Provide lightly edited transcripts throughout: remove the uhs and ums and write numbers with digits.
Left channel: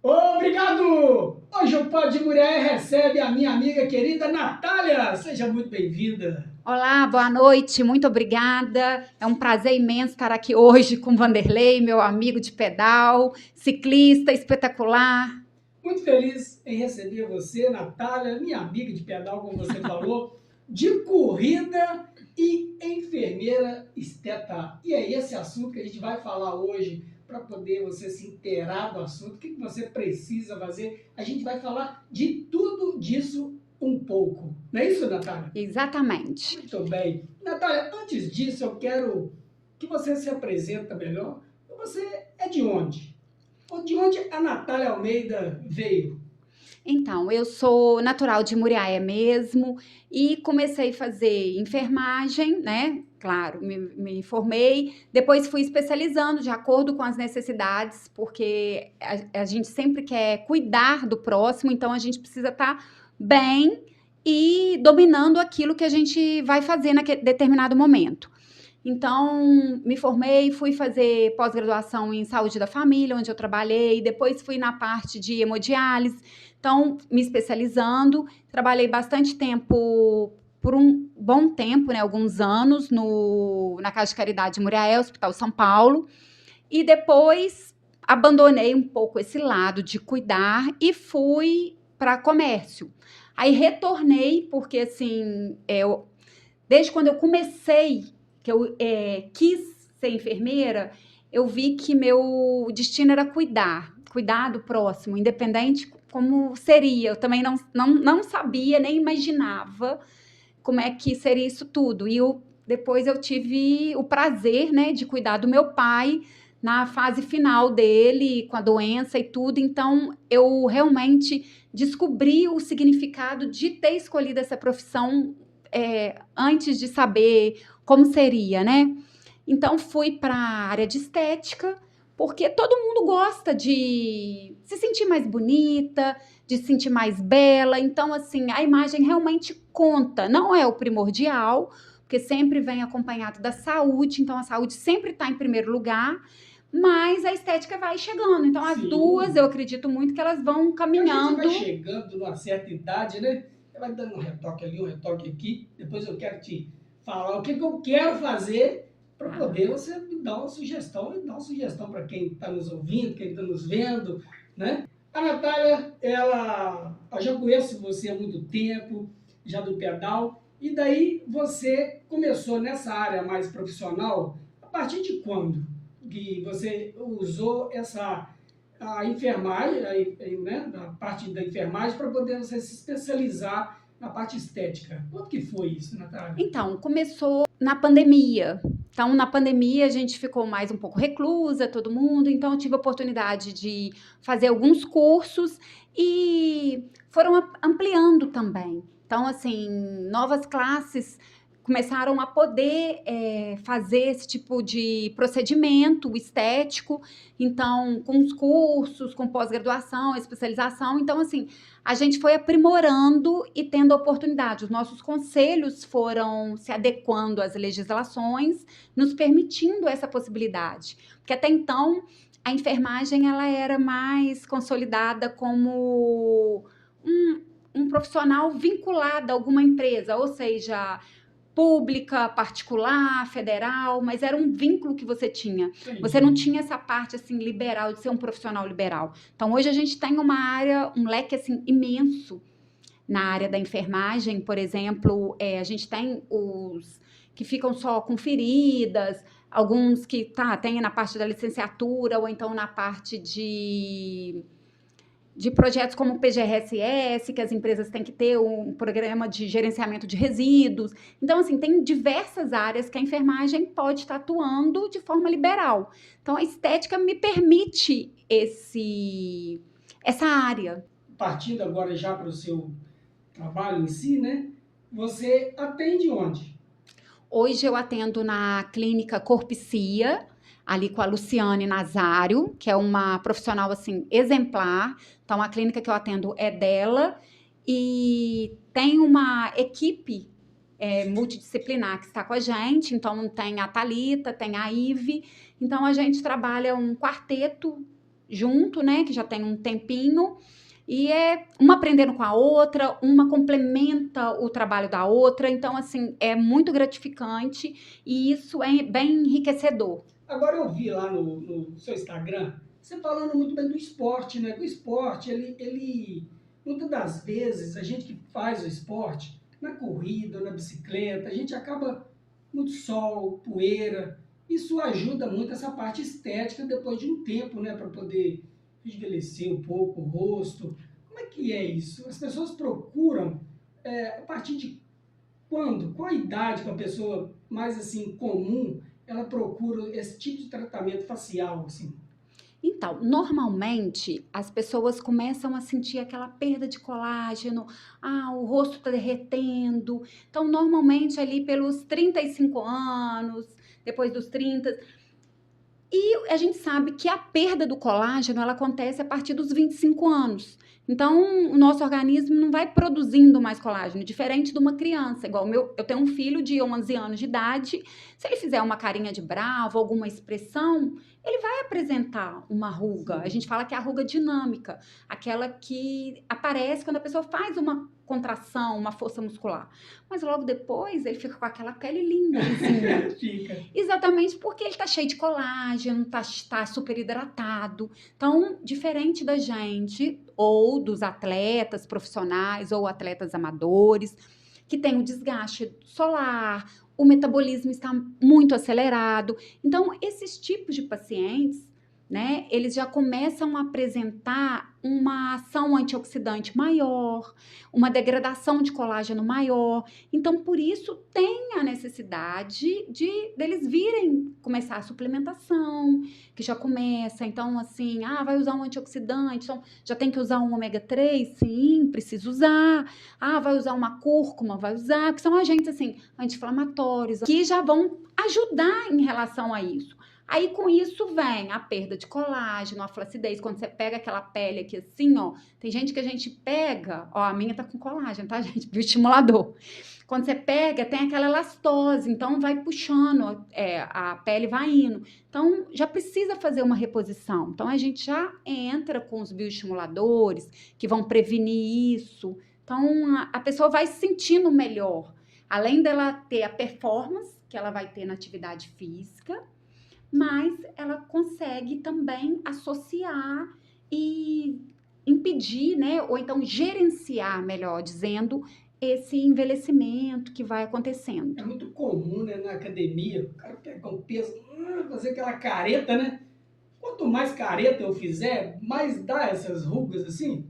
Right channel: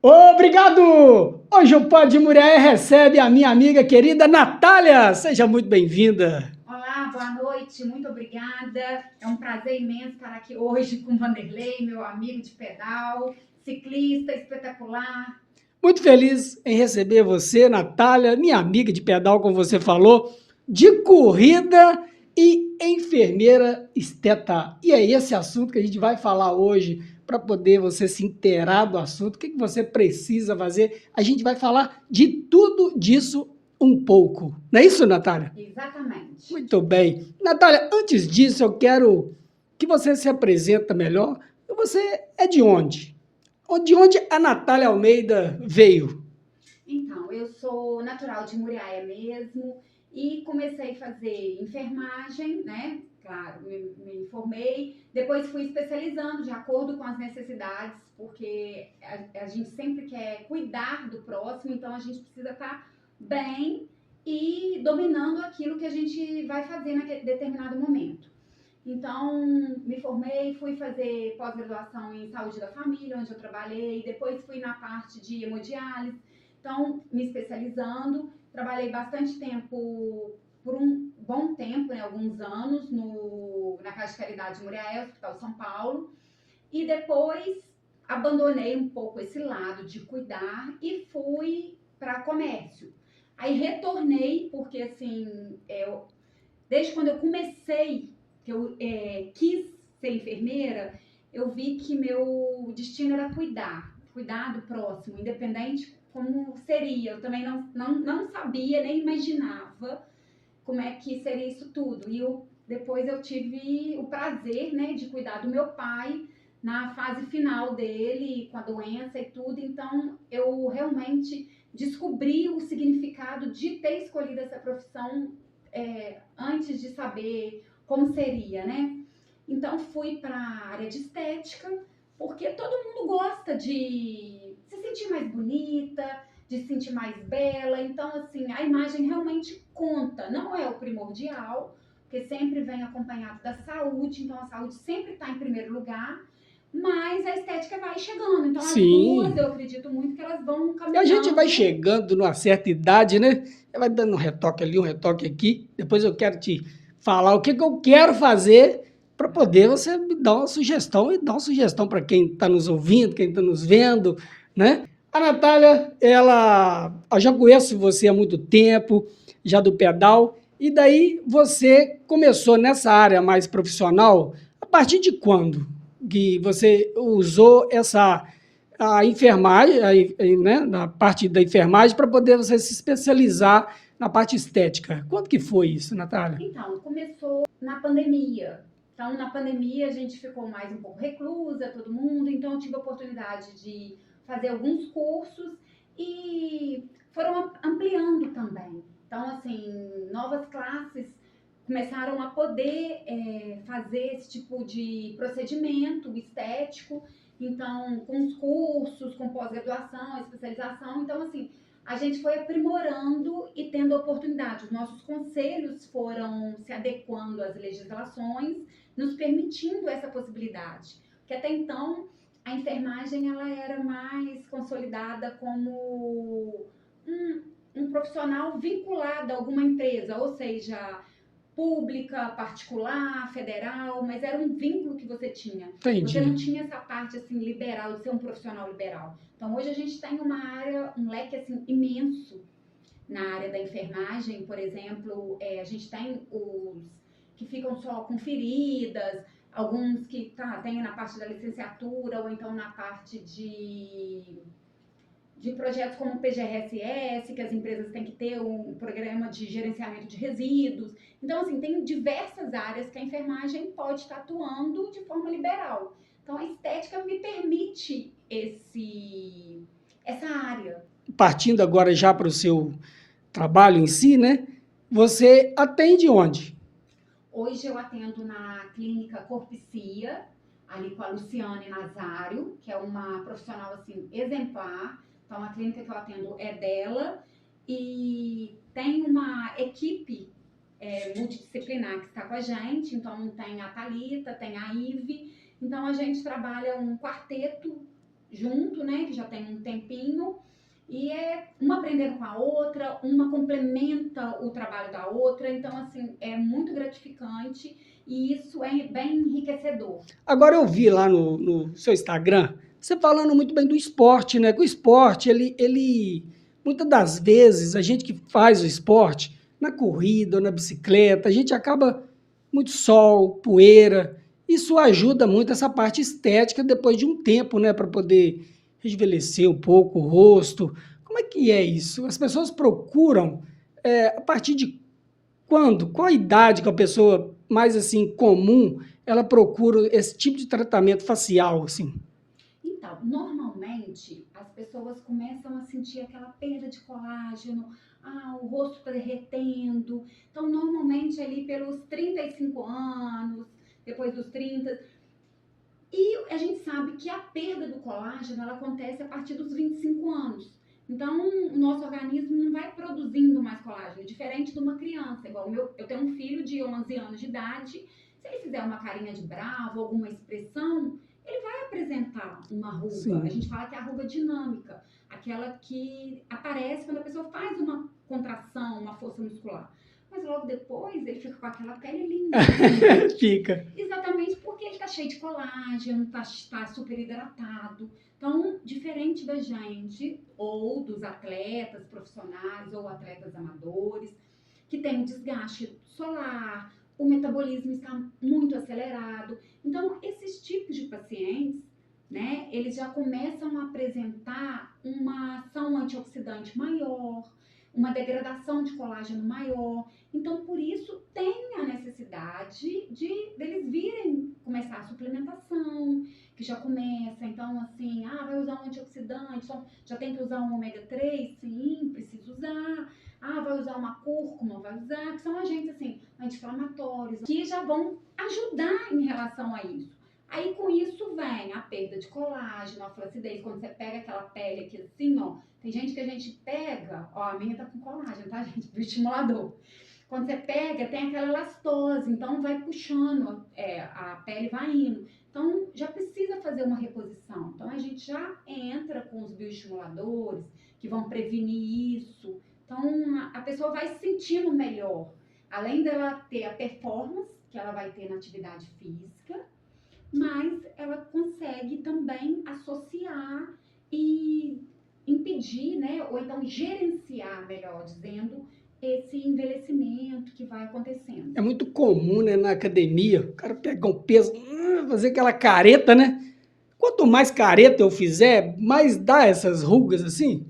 Obrigado! Hoje o Pod Muriaé recebe a minha amiga querida Natália. Seja muito bem-vinda. Olá, boa noite, muito obrigada. É um prazer imenso estar aqui hoje com o Vanderlei, meu amigo de pedal, ciclista espetacular. Muito feliz em receber você, Natália, minha amiga de pedal, como você falou, de corrida e enfermeira esteta. E é esse assunto que a gente vai falar hoje, para poder você se inteirar do assunto, o que você precisa fazer. A gente vai falar de tudo disso um pouco. Não é isso, Natália? Exatamente. Muito bem. Natália, antes disso, eu quero que você se apresente melhor. Você é de onde? De onde a Natália Almeida veio? Então, eu sou natural de Muriaé mesmo e comecei a fazer enfermagem, né? Claro, me formei, depois fui especializando de acordo com as necessidades, porque a gente sempre quer cuidar do próximo, então a gente precisa estar bem e dominando aquilo que a gente vai fazer naquele determinado momento. Então, me formei, fui fazer pós-graduação em saúde da família, onde eu trabalhei, depois fui na parte de hemodiálise, então, me especializando, trabalhei bastante tempo, por um bom tempo, né, alguns anos, na Casa de Caridade de Muriaé, Hospital São Paulo, e depois abandonei um pouco esse lado de cuidar e fui para comércio. Aí retornei, porque assim, desde quando eu comecei, que eu quis ser enfermeira, eu vi que meu destino era cuidar do próximo, independente como seria. Eu também não sabia, nem imaginava como é que seria isso tudo. E depois eu tive o prazer, né, de cuidar do meu pai na fase final dele, com a doença e tudo. Então, eu realmente descobri o significado de ter escolhido essa profissão antes de saber como seria, né? Então, fui para a área de estética, porque todo mundo gosta de se sentir mais bonita, de se sentir mais bela. Então, assim, a imagem realmente conta. Não é o primordial, porque sempre vem acompanhado da saúde. Então, a saúde sempre está em primeiro lugar. Mas a estética vai chegando. Então, as duas, eu acredito muito que elas vão caminhando. E a gente vai chegando numa certa idade, né? Vai dando um retoque ali, um retoque aqui. Depois eu quero te falar o que eu quero fazer para poder você me dar uma sugestão e dar uma sugestão para quem está nos ouvindo, quem está nos vendo, né? A Natália, eu já conheço você há muito tempo, já do pedal, e daí você começou nessa área mais profissional, a partir de quando que você usou a enfermagem, né, na parte da enfermagem, para poder você se especializar na parte estética? Quando que foi isso, Natália? Então, começou na pandemia. Então, na pandemia, a gente ficou mais um pouco reclusa, todo mundo. Então, eu tive a oportunidade de fazer alguns cursos e foram ampliando também. Então, assim, novas classes começaram a poder fazer esse tipo de procedimento estético. Então, com os cursos, com pós-graduação, especialização. Então, assim, a gente foi aprimorando e tendo oportunidade. Os nossos conselhos foram se adequando às legislações, nos permitindo essa possibilidade. Porque até então, a enfermagem ela era mais consolidada como um profissional vinculado a alguma empresa, ou seja, pública, particular, federal, mas era um vínculo que você tinha. Entendi. Você não tinha essa parte assim liberal de ser um profissional liberal. Então hoje a gente tem uma área, um leque assim imenso na área da enfermagem, por exemplo, a gente tem os que ficam só com feridas, alguns que tem na parte da licenciatura ou então na parte de projetos como o PGRSS, que as empresas têm que ter um programa de gerenciamento de resíduos. Então, assim, tem diversas áreas que a enfermagem pode estar atuando de forma liberal. Então, a estética me permite essa área. Partindo agora já para o seu trabalho em si, né? Você atende onde? Hoje eu atendo na clínica Corpicia, ali com a Luciane Nazário, que é uma profissional assim exemplar. Então a clínica que eu atendo é dela e tem uma equipe multidisciplinar que está com a gente. Então, tem a Thalita, tem a Ive. Então, a gente trabalha um quarteto junto, né? Que já tem um tempinho. E é uma aprendendo com a outra, uma complementa o trabalho da outra. Então, assim, é muito gratificante e isso é bem enriquecedor. Agora eu vi lá no seu Instagram, você falando muito bem do esporte, né? Que o esporte, muitas das vezes, a gente que faz o esporte, na corrida ou na bicicleta, a gente acaba muito sol, poeira. Isso ajuda muito essa parte estética depois de um tempo, né? Para poder rejuvenescer um pouco o rosto. Como é que é isso? As pessoas procuram, a partir de quando? Qual a idade que a pessoa mais assim comum ela procura esse tipo de tratamento facial, assim? Então, normalmente as pessoas começam a sentir aquela perda de colágeno, o rosto está derretendo. Então, normalmente ali pelos 35 anos, depois dos 30. E a gente sabe que a perda do colágeno ela acontece a partir dos 25 anos. Então, o nosso organismo não vai produzindo mais colágeno, diferente de uma criança. Igual eu tenho um filho de 11 anos de idade, se ele fizer uma carinha de bravo, alguma expressão, ele vai apresentar uma ruga. A Sim. gente fala que é a ruga dinâmica, aquela que aparece quando a pessoa faz uma contração, uma força muscular. Mas logo depois ele fica com aquela pele linda. Fica. Exatamente porque ele tá cheio de colágeno, tá super hidratado. Então, diferente da gente, ou dos atletas profissionais, ou atletas amadores, que tem o desgaste solar, o metabolismo está muito acelerado. Então, esses tipos de pacientes, né, eles já começam a apresentar uma ação antioxidante maior, uma degradação de colágeno maior. Então, por isso, tem a necessidade deles virem começar a suplementação, que já começa. Então, assim, vai usar um antioxidante, então já tem que usar um ômega 3? Sim, precisa usar. Vai usar uma cúrcuma? Vai usar, que são agentes, assim, anti-inflamatórios, que já vão ajudar em relação a isso. Aí, com isso, vem a perda de colágeno, a flacidez. Quando você pega aquela pele aqui assim, ó, tem gente que a gente pega, ó, a minha tá com colágeno, tá, gente? Bioestimulador. Quando você pega, tem aquela elastose, então vai puxando, a pele vai indo. Então, já precisa fazer uma reposição. Então, a gente já entra com os bioestimuladores que vão prevenir isso. Então, a pessoa vai se sentindo melhor. Além dela ter a performance que ela vai ter na atividade física, mas ela consegue também associar e impedir, né, ou então gerenciar, melhor dizendo, esse envelhecimento que vai acontecendo. É muito comum, né, na academia, o cara pegar um peso, fazer aquela careta, né? Quanto mais careta eu fizer, mais dá essas rugas assim.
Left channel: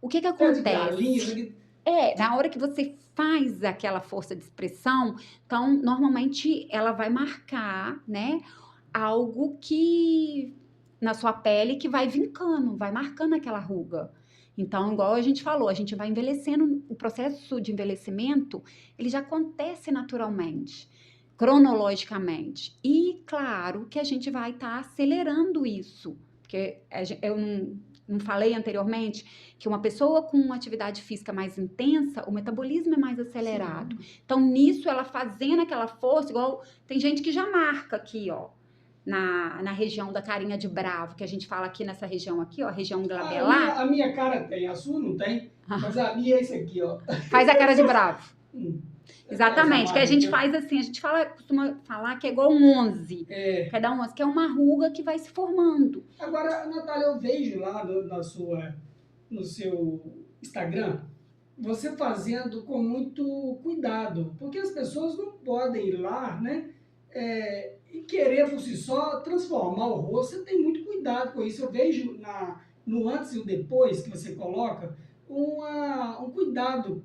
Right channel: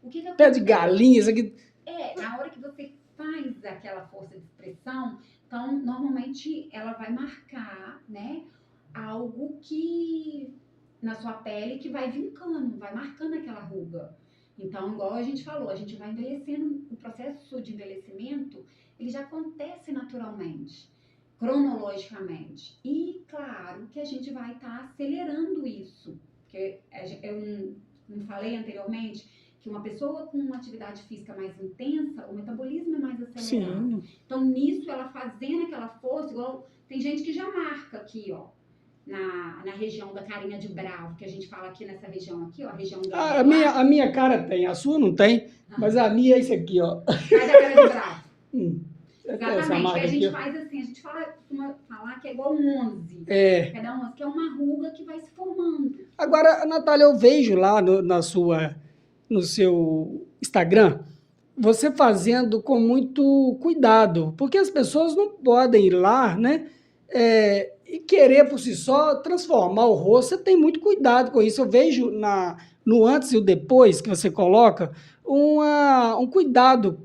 O que Pé de galinha, isso acontece? aqui. Na hora que você faz aquela força de expressão, então, normalmente ela vai marcar, né, algo que na sua pele que vai vincando, vai marcando aquela ruga. Então, igual a gente falou, a gente vai envelhecendo, o processo de envelhecimento, ele já acontece naturalmente, cronologicamente. E claro que a gente vai estar acelerando isso, porque eu não falei anteriormente que uma pessoa com uma atividade física mais intensa, o metabolismo é mais acelerado. Sim. Então, nisso, ela fazendo aquela força, igual tem gente que já marca aqui, ó, na região da carinha de bravo, que a gente fala aqui nessa região aqui, ó, a região A minha, glabelar. a minha cara tem, a sua não tem, mas a minha é isso aqui, ó. Faz a cara de bravo. Hum, essa Exatamente, que a marca aqui, gente ó. faz assim, a gente costuma falar que é igual um 11. É. Quer dar um 11, que é uma ruga que vai se formando. Agora, Natália, eu vejo lá no seu Instagram, você fazendo com muito cuidado, porque as pessoas não podem ir lá, né, e querer por si só transformar o rosto. Você tem muito cuidado com isso. Eu vejo no antes e o depois que você coloca um cuidado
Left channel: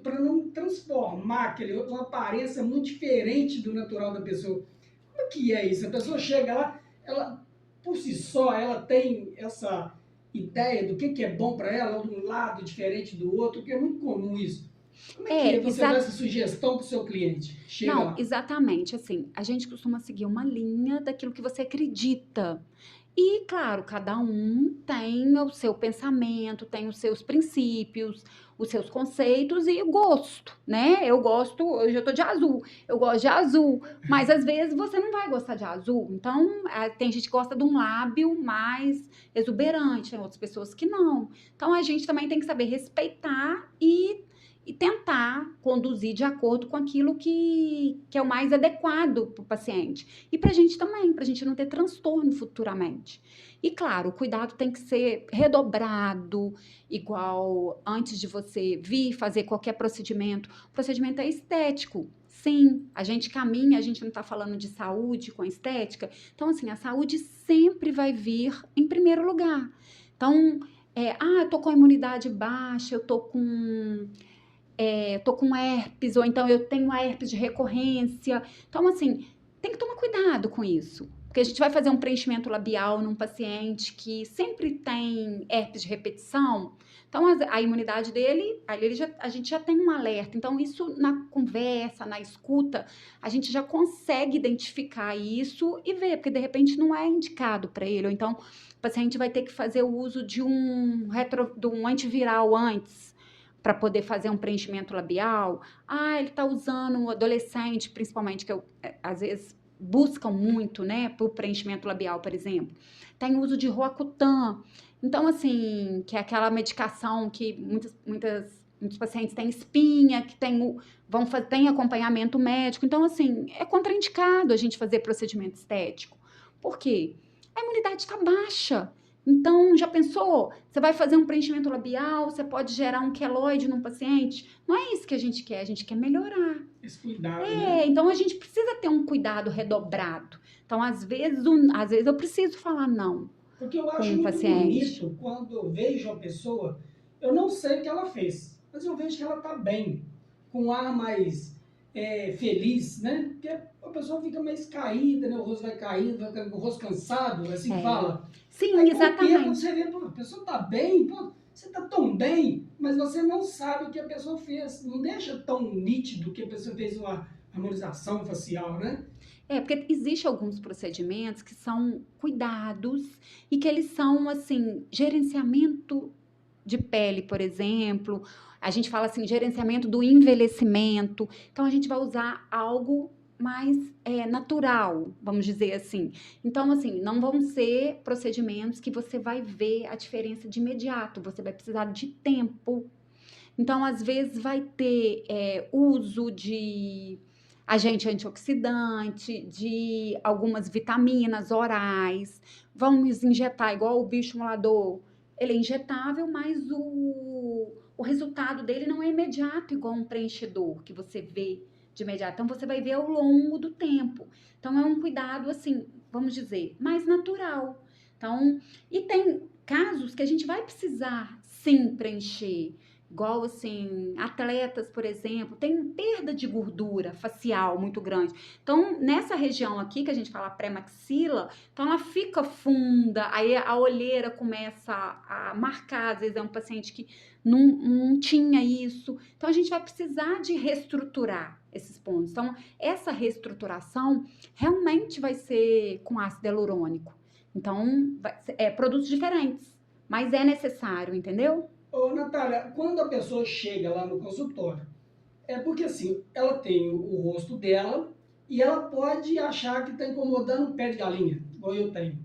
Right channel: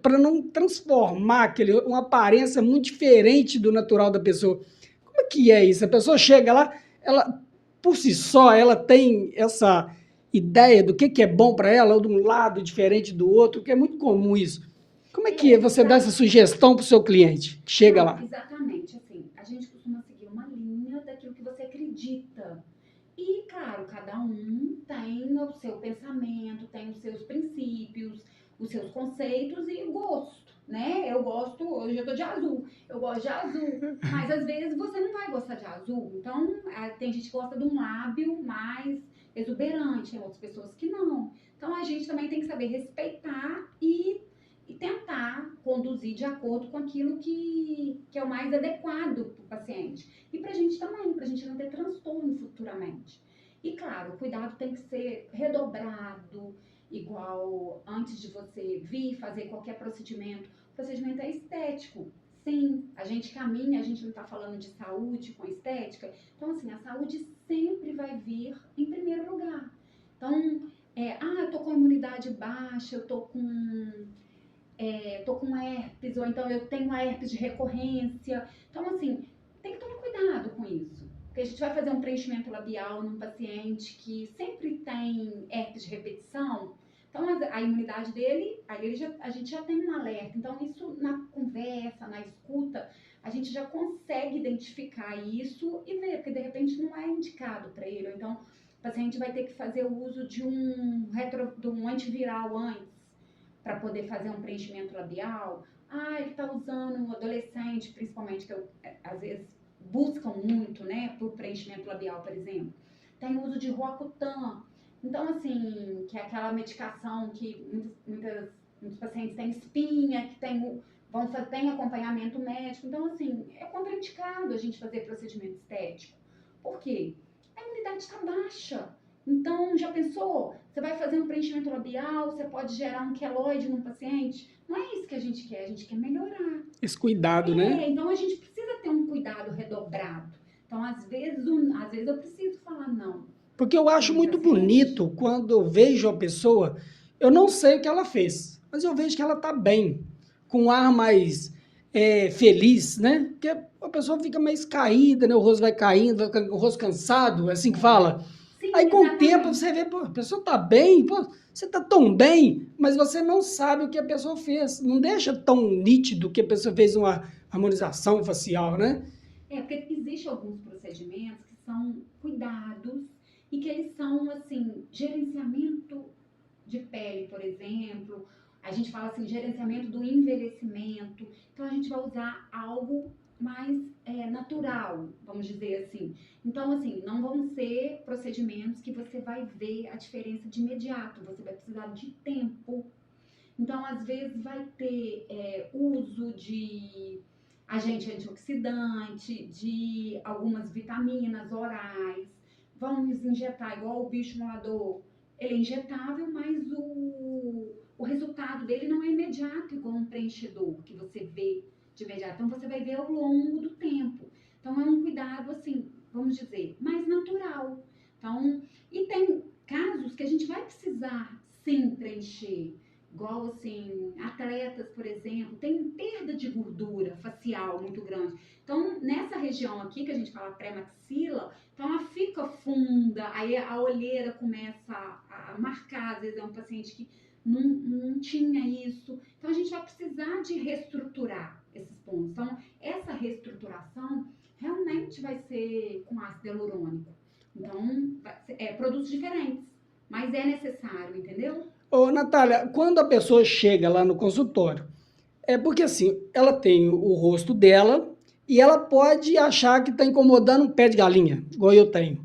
para não transformar uma aparência muito diferente do natural da pessoa. Como é que é isso? A pessoa chega lá, ela por si só, ela tem essa ideia do que é bom para ela, ou de um lado diferente do outro, que é muito comum isso. Como é que você dá essa sugestão para o seu cliente que chega Não, lá? exatamente. Assim, a gente costuma seguir uma linha daquilo que você acredita. E, claro, cada um tem o seu pensamento, tem os seus princípios. os seus conceitos e o gosto, né? Eu gosto, hoje eu tô de azul, eu gosto de azul, mas às vezes você não vai gostar de azul. Então, tem gente que gosta de um lábio mais exuberante, tem outras pessoas que não. Então, a gente também tem que saber respeitar e tentar conduzir de acordo com aquilo que é o mais adequado para o paciente. E para a gente também, para a gente não ter transtorno futuramente. E claro, o cuidado tem que ser redobrado, igual antes de você vir fazer qualquer procedimento. O procedimento é estético. Sim, a gente caminha, a gente não está falando de saúde com a estética. Então, assim, a saúde sempre vai vir em primeiro lugar. Então, eu tô com a imunidade baixa, eu tô com herpes, ou então eu tenho a herpes de recorrência. Então, assim, tem que tomar cuidado com isso. Porque a gente vai fazer um preenchimento labial num paciente que sempre tem herpes de repetição. Então, a imunidade dele, a gente já tem um alerta. Então, isso na conversa, na escuta, a gente já consegue identificar isso e ver, porque de repente não é indicado para ele. Ou então, o paciente vai ter que fazer o uso de um antiviral antes para poder fazer um preenchimento labial. Ele está usando um adolescente, principalmente, que às vezes buscam muito, né, para o preenchimento labial, por exemplo. Tem uso de Roacutan. Então, assim, que é aquela medicação que muitos pacientes têm espinha, que tem acompanhamento médico. Então, assim, é contraindicado a gente fazer procedimento estético. Por quê? A imunidade está baixa. Então, já pensou? Você vai fazer um preenchimento labial, você pode gerar um queloide num paciente? Não é isso que a gente quer melhorar. Esse cuidado, né? Então a gente precisa ter um cuidado redobrado. Então, às vezes eu preciso falar não Porque eu com acho um muito paciente. bonito quando eu vejo a pessoa, eu não sei o que ela fez, mas eu vejo que ela tá bem, com um ar mais feliz, né? Porque a pessoa fica mais caída, né? O rosto vai caindo, vai ficando com o rosto cansado, é assim que fala. Sim, Aí com o tempo exatamente. você vê, pô, a pessoa tá bem, pô, você tá tão bem, mas você não sabe o que a pessoa fez. Não deixa tão nítido que a pessoa fez uma harmonização facial, né? Porque existem alguns procedimentos que são cuidados e que eles são, assim, gerenciamento de pele, por exemplo. A gente fala assim, gerenciamento do envelhecimento. Então, a gente vai usar algo mais natural, vamos dizer assim. Então, assim, não vão ser procedimentos que você vai ver a diferença de imediato. Você vai precisar de tempo. Então, às vezes, vai ter uso de agente antioxidante, de algumas vitaminas orais. Vamos injetar igual o bioestimulador. Ele é injetável, mas o resultado dele não é imediato, igual um preenchedor que você vê de imediato. Então, você vai ver ao longo do tempo. Então, é um cuidado, assim, vamos dizer, mais natural. Então, e tem casos que a gente vai precisar, sim, preencher. Igual, assim, atletas, por exemplo, tem perda de gordura facial muito grande. Então, nessa região aqui, que a gente fala pré-maxila, então ela fica funda, aí a olheira começa a marcar, às vezes é um paciente que não tinha isso. Então, a gente vai precisar de reestruturar esses pontos. Então, essa reestruturação realmente vai ser com ácido hialurônico. Então, produtos diferentes, mas é necessário, entendeu? Ô, Natália, quando a pessoa chega lá no consultório, é porque assim, ela tem o rosto dela e ela pode achar que está incomodando um pé de galinha, igual eu tenho.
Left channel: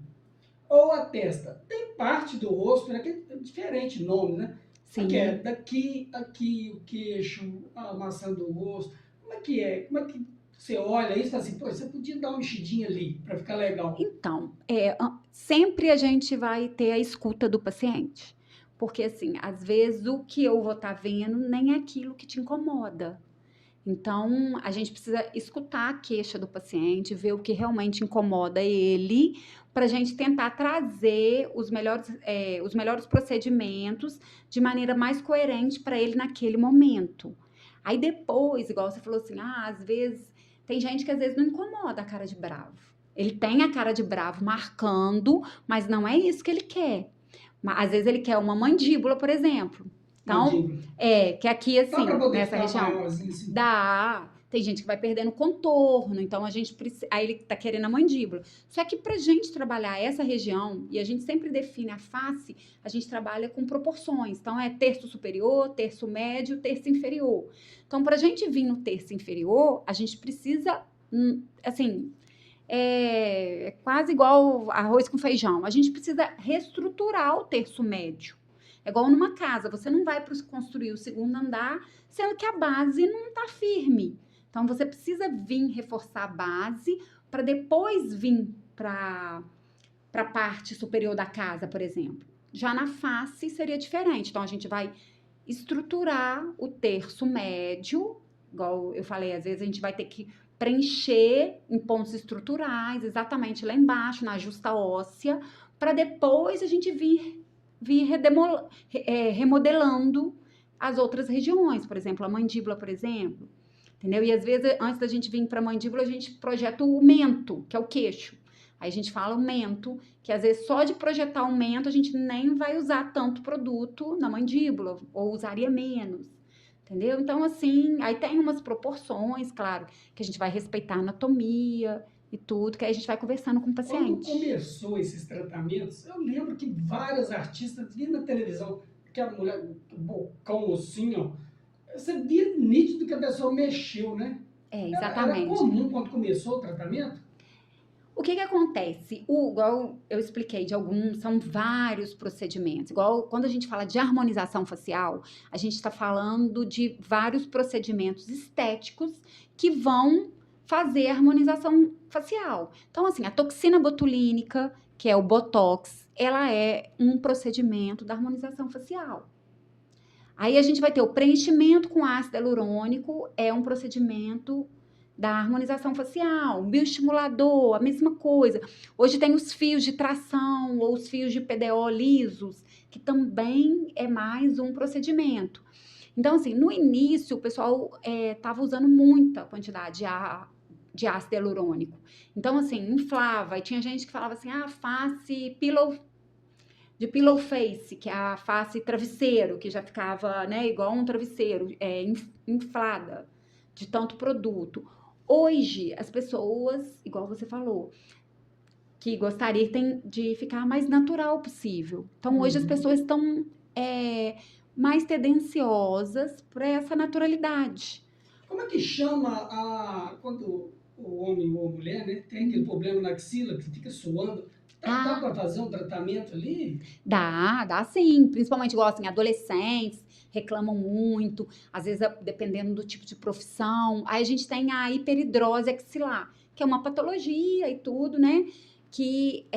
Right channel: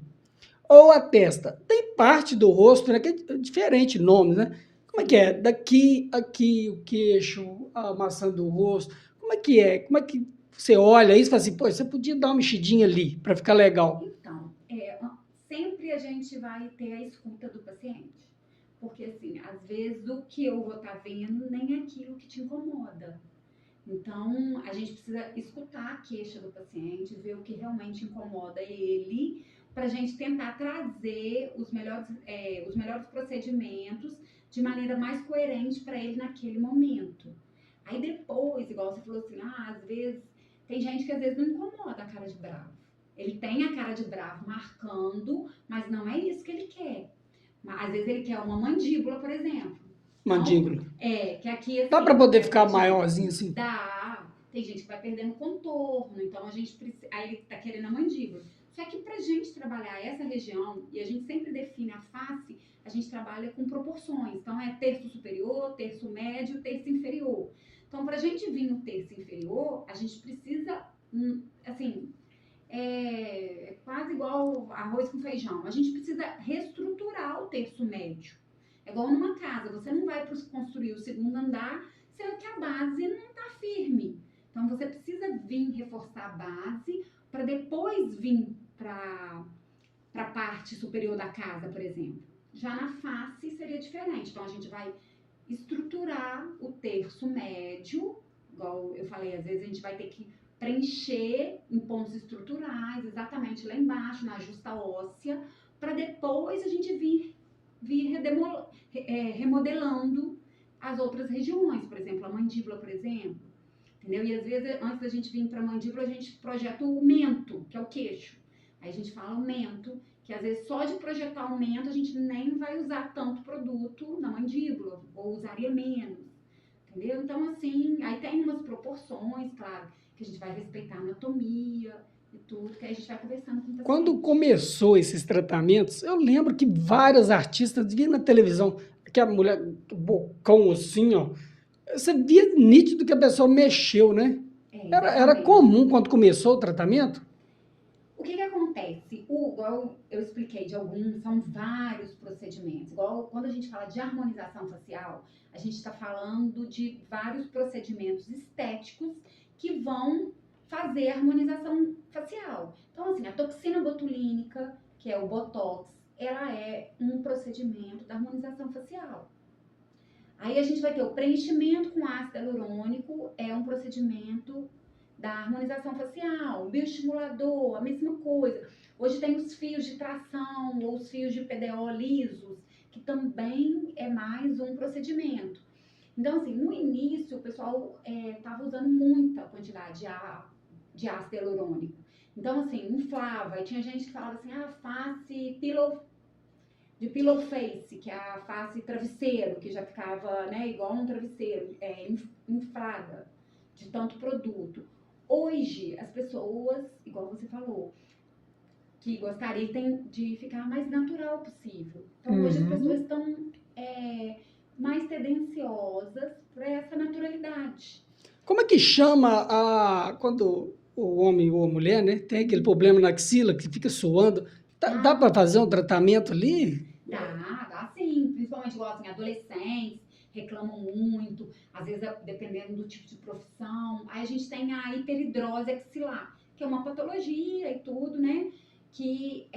Ou a testa. Tem parte do rosto, né, que é diferente nome, né? Como é que é? Sim. Daqui, aqui, o queixo, a maçã do rosto. Como é que é? Como é que você olha isso e fala assim, pô, você podia dar uma mexidinha ali para ficar legal. Então, sempre a gente vai ter a escuta do paciente. Porque, assim, às vezes o que eu vou estar vendo nem é aquilo que te incomoda. Então, a gente precisa escutar a queixa do paciente, ver o que realmente incomoda ele, para a gente tentar trazer os melhores procedimentos de maneira mais coerente para ele naquele momento. Aí depois, igual você falou assim, às vezes, tem gente que às vezes não incomoda a cara de bravo. Ele tem a cara de bravo marcando, mas não é isso que ele quer. Às vezes ele quer uma mandíbula, por exemplo. Então, Mandíbula. que aqui assim, Dá para poder nessa ficar região, maiorzinho assim? dá. Tem gente que vai perdendo contorno, então a gente precisa. Aí ele tá querendo a mandíbula. Só que pra gente trabalhar essa região, e a gente sempre define a face, a gente trabalha com proporções. Então é terço superior, terço médio, terço inferior. Então, pra gente vir no terço inferior, a gente precisa, assim, é quase igual arroz com feijão. A gente precisa reestruturar o terço médio. É igual numa casa, você não vai construir o segundo andar, sendo que a base não está firme. Então, você precisa vir reforçar a base para depois vir para a parte superior da casa, por exemplo. Já na face seria diferente. Então, a gente vai estruturar o terço médio, igual eu falei, às vezes a gente vai ter que preencher em pontos estruturais, exatamente lá embaixo, na justa óssea, para depois a gente vir remodelando as outras regiões, por exemplo, a mandíbula, por exemplo, entendeu? E às vezes, antes da gente vir para a mandíbula, a gente projeta o mento, que é o queixo. Aí a gente fala o mento, que às vezes só de projetar o mento a gente nem vai usar tanto produto na mandíbula, ou usaria menos, entendeu? Então, assim, aí tem umas proporções, claro, que a gente vai respeitar a anatomia e tudo, que aí a gente vai conversando com o paciente. Quando começou esses tratamentos, eu lembro que várias artistas viam na televisão, aquela mulher, bocão assim, ó. Você via nítido que a pessoa mexeu, né? Era Exatamente. comum quando começou o tratamento? O que acontece? Igual eu expliquei de alguns, são vários procedimentos. Igual quando a gente fala de harmonização facial, a gente está falando de vários procedimentos estéticos que vão fazer a harmonização facial. Então, assim, a toxina botulínica, que é o Botox, ela é um procedimento da harmonização facial. Aí a gente vai ter o preenchimento com ácido hialurônico, é um procedimento da harmonização facial, bioestimulador, a mesma coisa. Hoje tem os fios de tração ou os fios de PDO lisos, que também é mais um procedimento. Então, assim, no início o pessoal estava usando muita quantidade de ácido hialurônico. Então, assim, inflava. E tinha gente que falava assim, face de pillow face, que é a face travesseiro, que já ficava, né, igual um travesseiro, inflada de tanto produto. Hoje, as pessoas, igual você falou, que gostariam de ficar mais natural possível. Então, hoje as pessoas estão mais tendenciosas para essa naturalidade. Como é que chama quando o homem ou a mulher, né, tem aquele problema na axila que fica suando? Dá para fazer um tratamento ali? Dá sim. Principalmente, igual assim, adolescentes reclamam muito, às vezes dependendo do tipo de profissão. Aí a gente tem a hiperidrose axilar, que é uma patologia e tudo, né? Que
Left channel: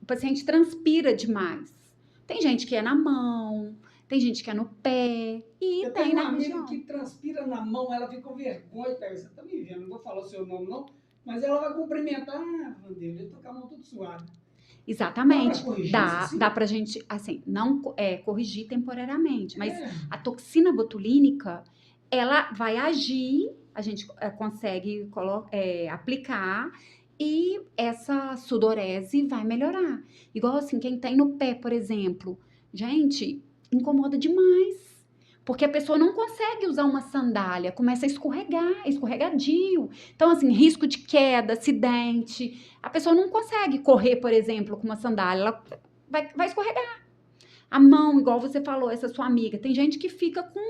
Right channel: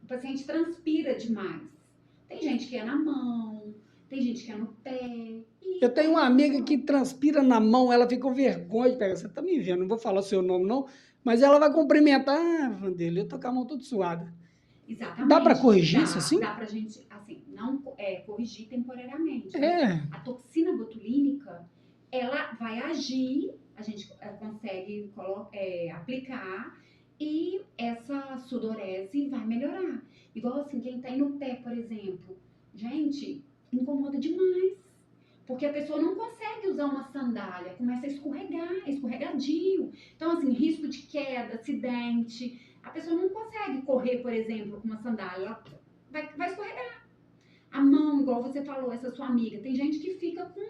o paciente transpira demais. Tem gente que é na mão, tem gente que é no pé. Eu tenho uma amiga que transpira na mão, ela fica com vergonha de pegar. Você tá me vendo, não vou falar o seu nome, não, mas ela vai cumprimentar. Vanderlei, eu tô com a mão toda suada. Exatamente. Dá para corrigir isso assim? Dá pra gente, assim, não corrigir temporariamente, mas a toxina botulínica, ela vai agir, a gente consegue aplicar e essa sudorese vai melhorar. Igual assim, quem tem no pé, por exemplo, gente, incomoda demais. Porque a pessoa não consegue usar uma sandália, começa a escorregar, é escorregadio. Então, assim, risco de queda, acidente. A pessoa não consegue correr, por exemplo, com uma sandália, ela vai escorregar. A mão, igual você falou, essa sua amiga, tem gente que fica com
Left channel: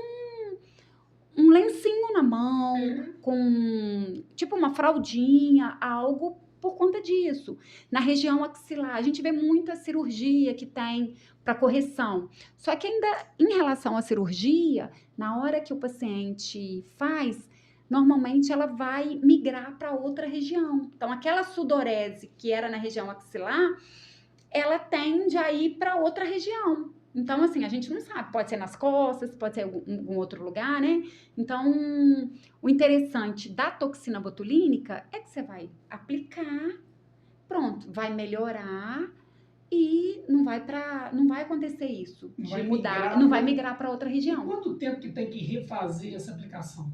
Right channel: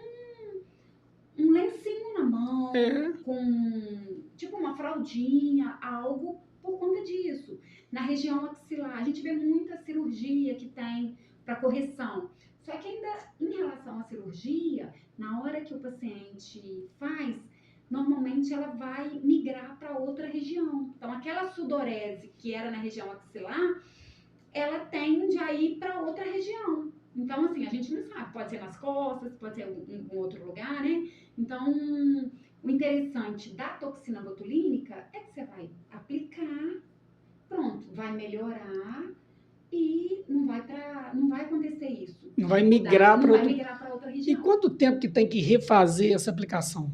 um lencinho na mão, com tipo uma fraldinha, algo por conta disso. Na região axilar, a gente vê muita cirurgia que tem para correção. Só que ainda em relação à cirurgia, na hora que o paciente faz, normalmente ela vai migrar para outra região. Então, aquela sudorese que era na região axilar, ela tende a ir para outra região. Então, assim, a gente não sabe, pode ser nas costas, pode ser em algum outro lugar, né? Então, o interessante da toxina botulínica é que você vai aplicar, pronto, vai melhorar e não vai acontecer isso. Não vai migrar para outra região. E quanto tempo que tem que refazer essa aplicação?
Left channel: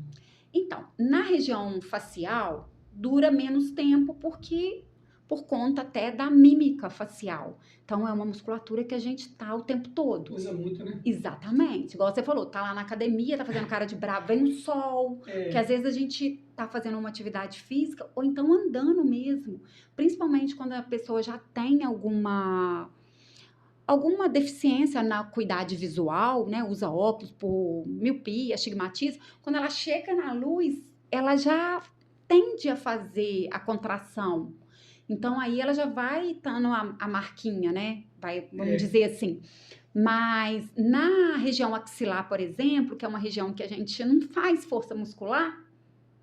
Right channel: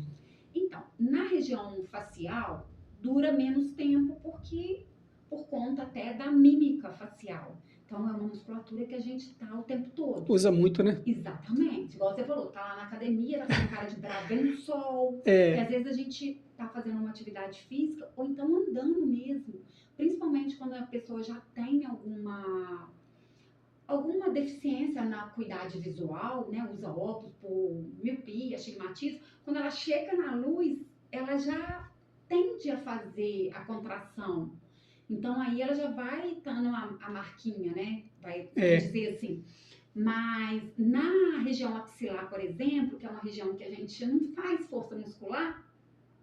Então, na região facial, dura menos tempo porque por conta até da mímica facial. Então, é uma musculatura que a gente tá o tempo todo. Usa muito, né? Exatamente. Igual você falou, tá lá na academia, tá fazendo cara de bravo, vem o sol, que às vezes a gente tá fazendo uma atividade física ou então andando mesmo. Principalmente quando a pessoa já tem alguma deficiência na acuidade visual, né? Usa óculos por miopia, astigmatismo. Quando ela chega na luz, ela já tende a fazer a contração. Então, aí ela já vai estando a marquinha, né? Vamos dizer assim. Mas na região axilar, por exemplo, que é uma região que a gente não faz força muscular,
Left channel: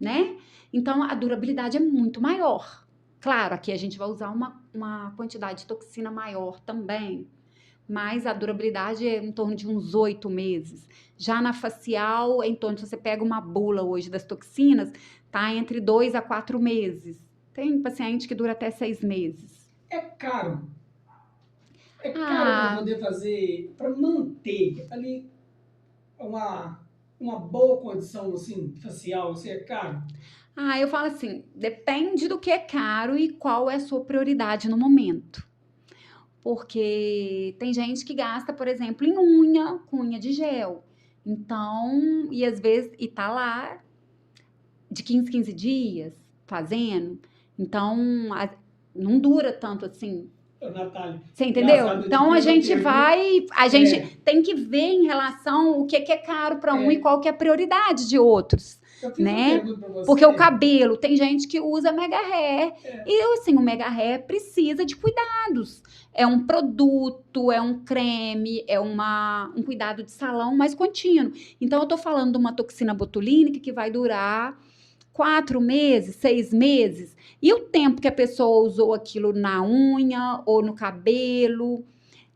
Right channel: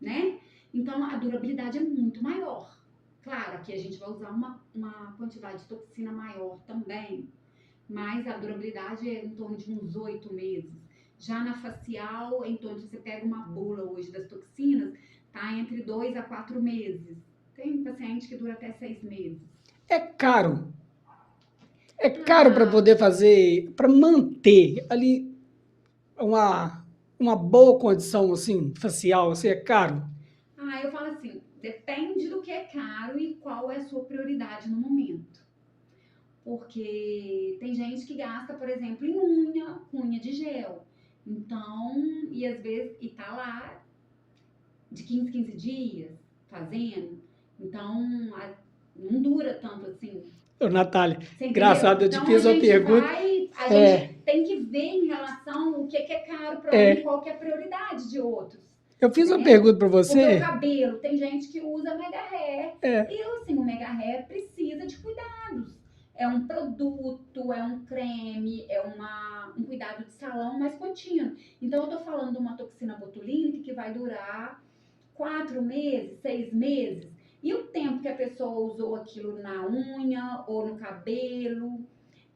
né? Então, a durabilidade é muito maior. Claro, aqui a gente vai usar uma quantidade de toxina maior também, mas a durabilidade é em torno de uns 8 meses. Já na facial, é em torno, se você pega uma bula hoje das toxinas, tá entre 2 a 4 meses. Tem paciente que dura até 6 meses. É caro. É caro para poder fazer, para manter ali uma boa condição, assim, facial, assim, é caro. Eu falo assim, depende do que é caro e qual é a sua prioridade no momento. Porque tem gente que gasta, por exemplo, em unha, com unha de gel. Então, e às vezes, e tá lá de 15 dias fazendo. Então, não dura tanto assim. Ô, Natália, Você entendeu? engraçado, eu te Então, a fiz uma gente pergunta. a gente tem que ver em relação o que é caro para um e qual que é a prioridade de outros. Eu fiz uma Né? pergunta para você. Porque o cabelo, tem gente que usa mega hair. E assim, o mega hair precisa de cuidados. É um produto, é um creme, é um cuidado de salão mais contínuo. Então, eu tô falando de uma toxina botulínica que vai durar 4 meses, 6 meses. E o tempo que a pessoa usou aquilo na unha, ou no cabelo,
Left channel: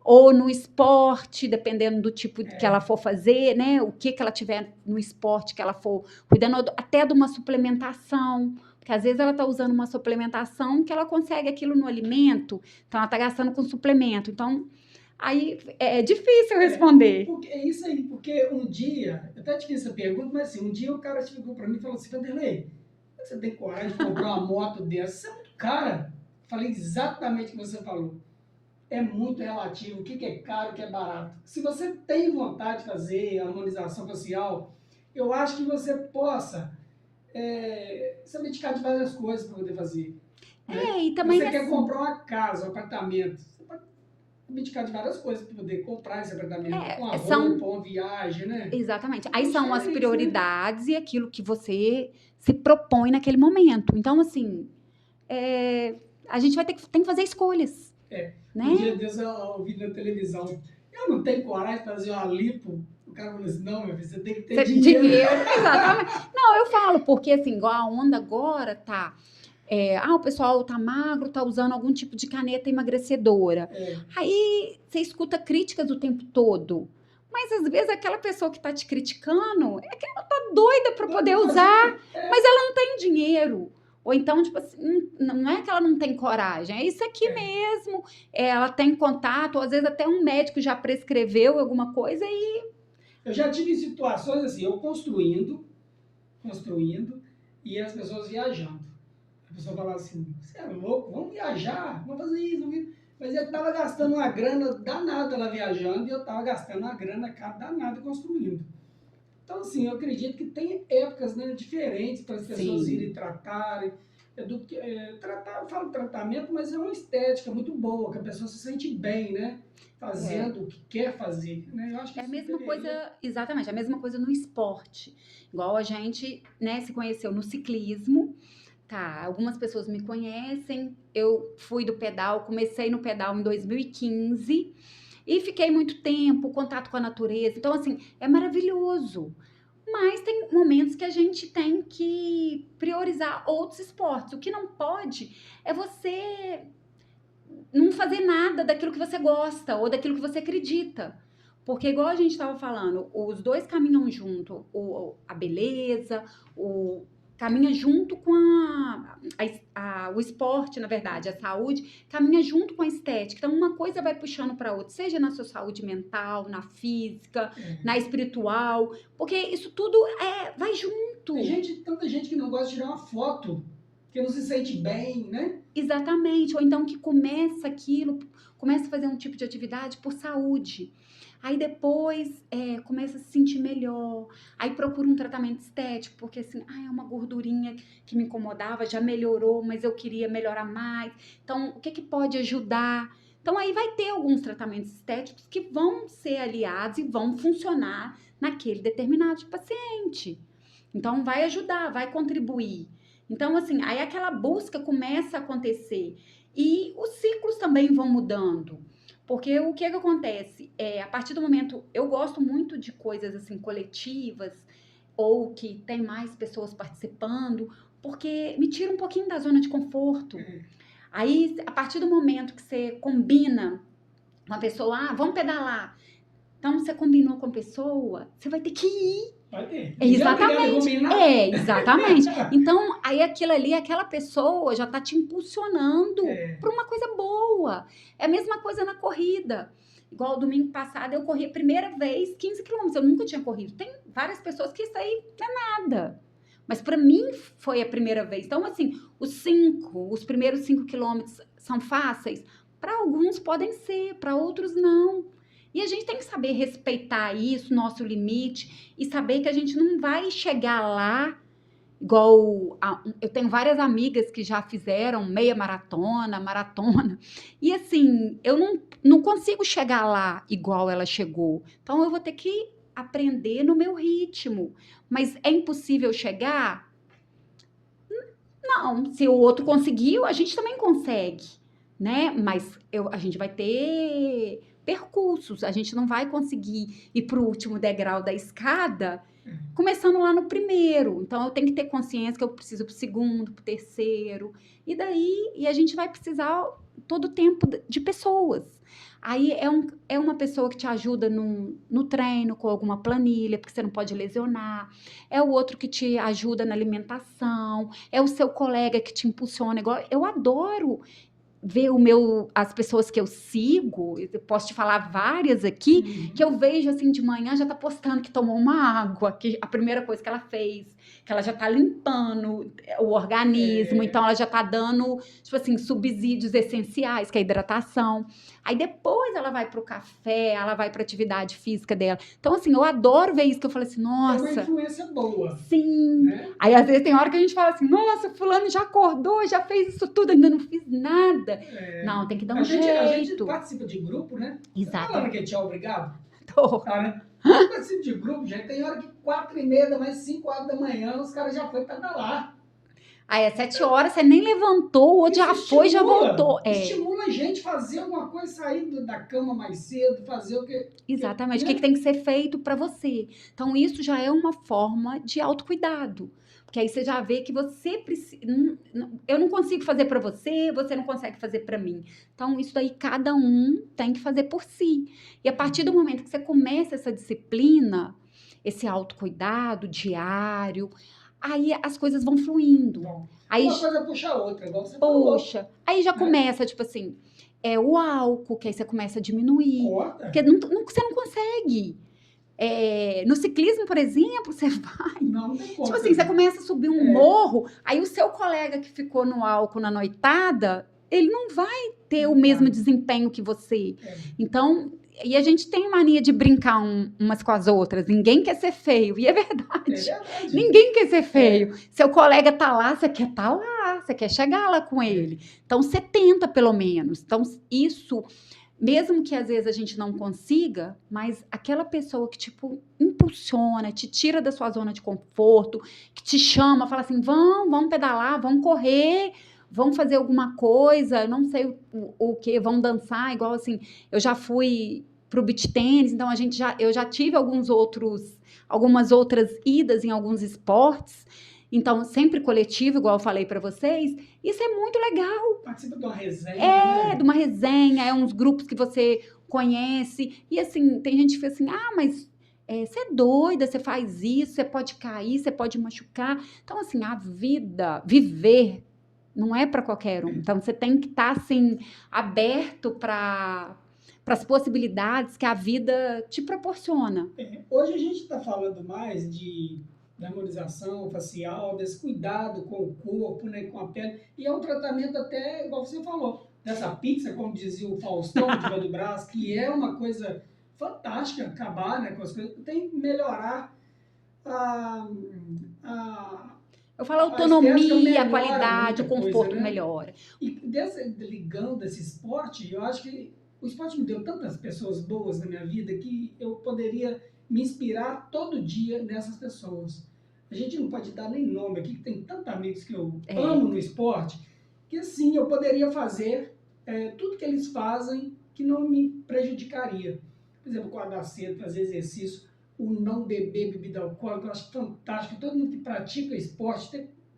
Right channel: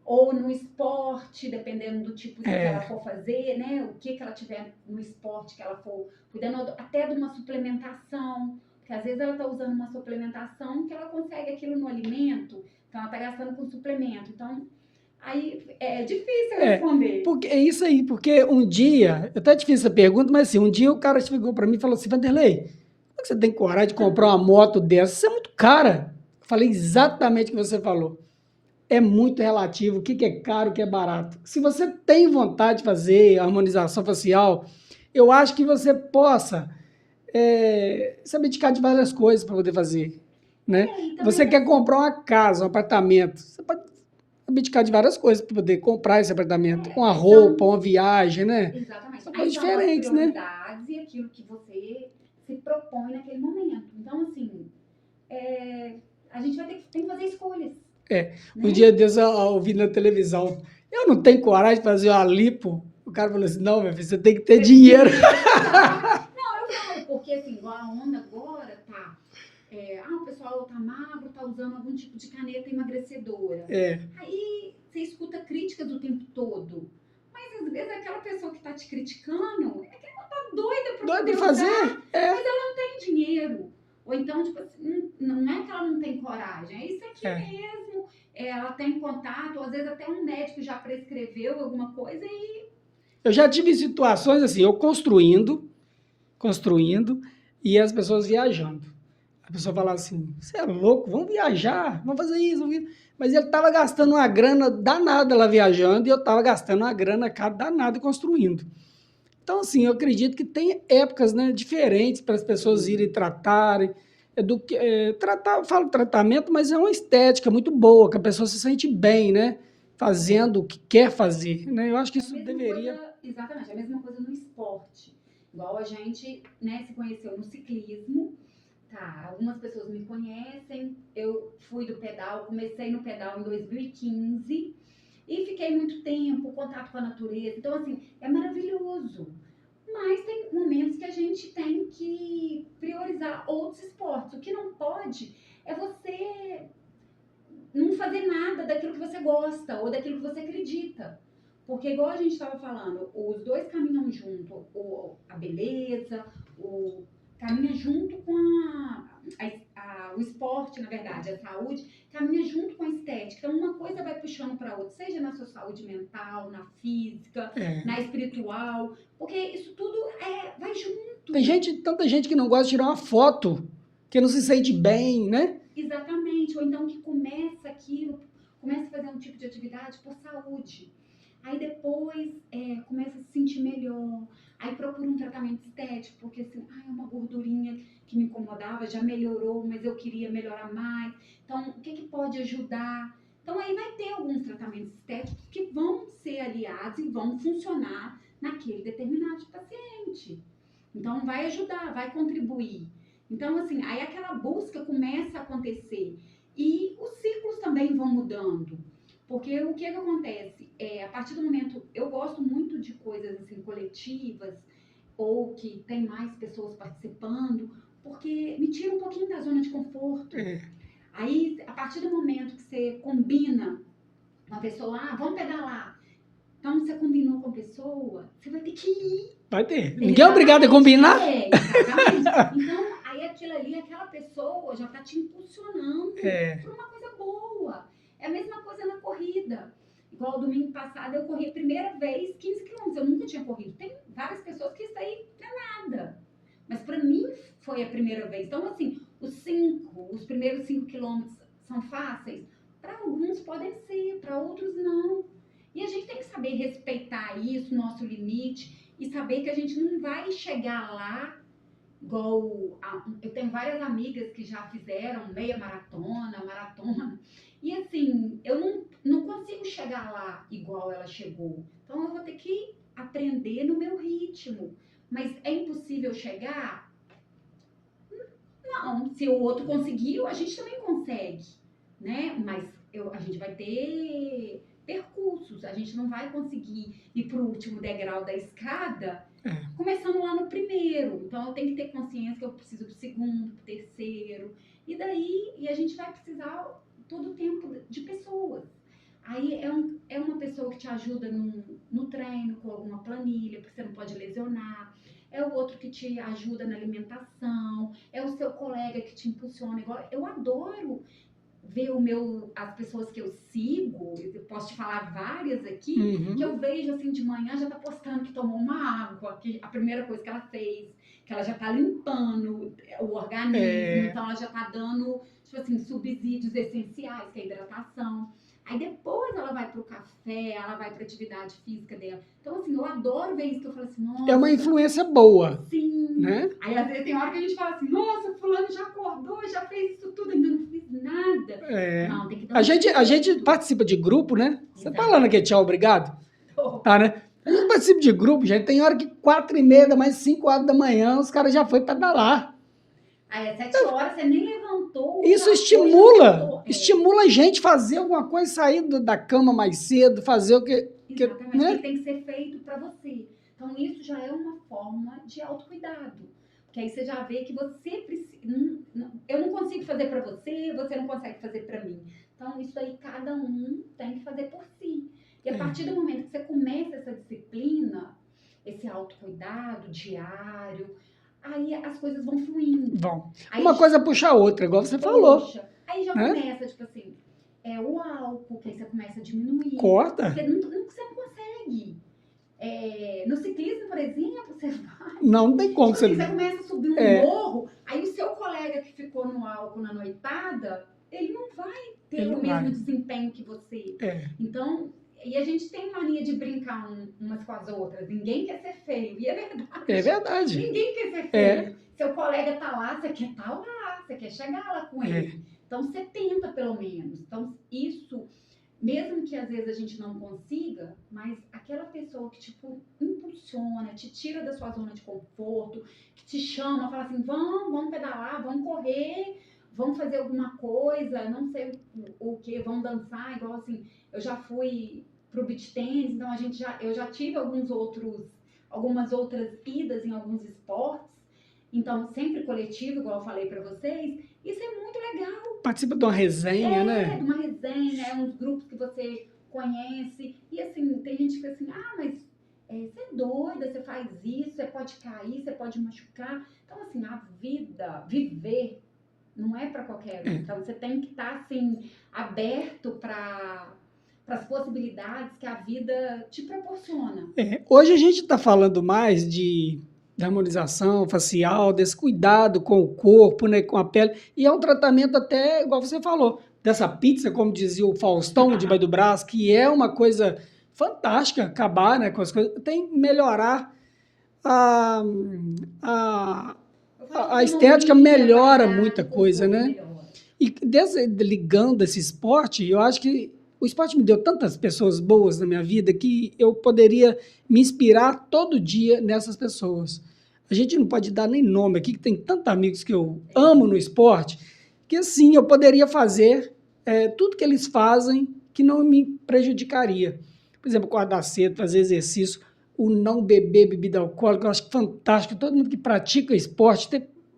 ou no esporte, dependendo do tipo que ela for fazer, né? O que ela tiver no esporte que ela for cuidando, até de uma suplementação. Porque às vezes ela tá usando uma suplementação que ela consegue aquilo no alimento, então ela tá gastando com suplemento. Então, aí é difícil responder. Porque é isso aí, porque um dia, eu até te fiz essa pergunta, mas assim, um dia o cara chegou para mim e falou assim, Vanderlei, como é que você tem coragem de comprar uma moto dessa? Isso é muito cara. Eu falei exatamente o que você falou. É muito relativo, o que é caro, o que é barato. Se você tem vontade de fazer harmonização facial, eu acho que você possa se abdicar de várias coisas para poder fazer. Né? Você quer comprar uma casa, um apartamento, você pode abdicar de várias coisas para poder comprar esse apartamento, com a roupa, uma viagem, né? Exatamente. Aí são as prioridades, né? E aquilo que você se propõe naquele momento. Então, assim, a gente tem que fazer escolhas. Né? Um dia Deus eu ouvi na televisão, eu não tenho coragem de fazer uma lipo. O cara falou assim, não, meu filho, você tem que ter dinheiro. Não, eu falo, porque assim, igual a onda agora tá... o pessoal tá magro, tá usando algum tipo de caneta emagrecedora. Aí você escuta críticas o tempo todo. Mas às vezes aquela pessoa que tá te criticando é que ela tá doida pra poder usar, mas ela não tem dinheiro. Ou então, tipo assim, não é que ela não tem coragem, é isso aqui mesmo. Ela tem contato, ou às vezes até um médico já prescreveu alguma coisa e... Eu já tive situações assim, eu construindo, e as pessoas viajando. A pessoa falava assim, você é louco, vamos viajar, vamos fazer isso. Mas ele estava gastando uma grana danada lá viajando e eu estava gastando uma grana danada construindo. Então, assim, eu acredito que tem épocas, né, diferentes para as pessoas irem tratarem. Falo tratamento, mas é uma estética muito boa, que a pessoa se sente bem, né? Fazendo o que quer fazer. Né? Eu acho que isso deveria... Exatamente, a mesma coisa no esporte. Igual a gente, né, se conheceu no ciclismo. Tá, algumas pessoas me conhecem. Eu fui do pedal, comecei no pedal em 2015 e fiquei muito tempo, contato com a natureza. Então, assim, é maravilhoso. Mas tem momentos que a gente tem que priorizar outros esportes. O que não pode é você não fazer nada daquilo que você gosta ou daquilo que você acredita. Porque, igual a gente estava falando, os dois caminham junto. A beleza, caminha junto com o esporte, na verdade, a saúde, caminha junto com a estética. Então, uma coisa vai puxando para outra, seja na sua saúde mental, na física, na espiritual, porque isso tudo vai junto. Tem tanta gente que não gosta de tirar uma foto que não se sente bem, né? Exatamente. Ou então que começa a fazer um tipo de atividade por saúde. Aí depois começa a se sentir melhor. Aí procura um tratamento estético, porque assim, é uma gordurinha que me incomodava, já melhorou, mas eu queria melhorar mais. Então, o que que pode ajudar? Então, aí vai ter alguns tratamentos estéticos que vão ser aliados e vão funcionar naquele determinado paciente. Então, vai ajudar, vai contribuir. Então, assim, aí aquela busca começa a acontecer. E os ciclos também vão mudando. Porque o que acontece? A partir do momento, eu gosto muito de coisas assim coletivas ou que tem mais pessoas participando, porque me tira um pouquinho da zona de conforto. Aí, a partir do momento que você combina uma pessoa, vamos pedalar. Então, você combinou com a pessoa, você vai ter que ir. Vai ter. Ninguém é obrigado a combinar. Exatamente. Então, aí aquilo ali, aquela pessoa já tá te impulsionando para uma coisa boa. É a mesma coisa na corrida. Igual domingo passado, eu corri a primeira vez 15 quilômetros. Eu nunca tinha corrido. Tem várias pessoas que isso aí não é nada. Mas para mim foi a primeira vez. Então, assim, os primeiros 5 quilômetros são fáceis? Para alguns podem ser, para outros não. E a gente tem que saber respeitar isso, nosso limite, e saber que a gente não vai chegar lá igual... Eu tenho várias amigas que já fizeram meia maratona, maratona, e assim, eu não consigo chegar lá igual ela chegou. Então, eu vou ter que aprender no meu ritmo. Mas é impossível chegar? Não, se o outro conseguiu, a gente também consegue, né? Mas a gente vai ter percursos, a gente não vai conseguir ir para o último degrau da escada começando lá no primeiro. Então, eu tenho que ter consciência que eu preciso pro segundo, pro terceiro, e a gente vai precisar todo o tempo de pessoas. Aí é uma pessoa que te ajuda no treino, com alguma planilha, porque você não pode lesionar. É o outro que te ajuda na alimentação. É o seu colega que te impulsiona. Igual, eu adoro ver as pessoas que eu sigo, eu posso te falar várias aqui, que eu vejo assim de manhã já tá postando que tomou uma água, que a primeira coisa que ela fez, que ela já tá limpando o organismo, então ela já tá dando, tipo assim, subsídios essenciais, que é a hidratação. Aí depois ela vai pro café, ela vai pra atividade física dela. Então, assim, eu adoro ver isso, que eu falo assim, nossa... É uma influência boa. Sim. Né? Aí, às vezes, tem hora que a gente fala assim, nossa, fulano já acordou, já fez isso tudo, ainda não fiz nada. Não, tem que dar um jeito. A gente participa de grupo, né? Exato. Você tá lá naquele tchau, obrigado? Tô. Tá, né? Eu participo de grupo, gente. Tem hora que 4h30 da manhã, 5 horas da manhã, os caras já foram pedalar. Aí, às 7 horas, você nem levantou, ou isso já estimula, foi, já voltou. Estimula a gente fazer alguma coisa, sair da cama mais cedo, fazer o que... Exatamente, o que tem que ser feito para você. Então, isso já é uma forma de autocuidado. Porque aí você já vê que você precisa... Eu não consigo fazer para você, você não consegue fazer para mim. Então, isso daí cada um tem que fazer por si. E a partir do momento que você começa essa disciplina, esse autocuidado diário, aí as coisas vão fluindo. Aí, uma coisa puxa a outra, igual você falou. Aí já começa, tipo assim, o álcool, que aí você começa a diminuir. Corta. Porque você não consegue. No ciclismo, por exemplo, você vai... Não tem como. Tipo assim, você começa a subir um morro, aí o seu colega que ficou no álcool na noitada, ele não vai ter o mesmo desempenho que você. Então, e a gente tem mania de brincar umas com as outras. Ninguém quer ser feio, e é verdade. É verdade. Ninguém quer ser feio. Seu colega tá lá, você quer estar lá, você quer chegar lá com ele. Então, você tenta, pelo menos. Então, isso... Mesmo que às vezes a gente não consiga, mas aquela pessoa que, tipo, impulsiona, te tira da sua zona de conforto, que te chama, fala assim, vamos pedalar, vamos correr, vamos fazer alguma coisa, não sei o que, vamos dançar, igual assim, eu já fui pro beach tennis, então eu já tive algumas outras idas em alguns esportes, então sempre coletivo, igual eu falei para vocês. Isso é muito legal. Participa de uma resenha, né? De uma resenha, uns grupos que você conhece. E assim, tem gente que fala assim, mas você é doida, você faz isso, você pode cair, você pode machucar. Então, assim, a vida, viver, não é para qualquer um. Então, você tem que estar, assim, aberto para as possibilidades que a vida te proporciona. Hoje a gente está falando mais de de harmonização facial, desse cuidado com o corpo, né, com a pele. E é um tratamento até, igual você falou, dessa pizza, como dizia o Faustão, debaixo do braço, que é uma coisa fantástica, acabar, né, com as coisas. Tem que melhorar a, a, Eu falo a estética, autonomia, a melhora qualidade, muita o coisa, conforto né? melhora. E ligando esse esporte, eu acho que o esporte me deu tantas pessoas boas na minha vida que eu poderia me inspirar todo dia nessas pessoas. A gente não pode dar nem nome aqui, que tem tantos amigos que eu amo no esporte, que assim eu poderia fazer tudo que eles fazem que não me prejudicaria. Por exemplo, acordar cedo, fazer exercício, o não beber bebida alcoólica, eu acho fantástico. Todo mundo que pratica esporte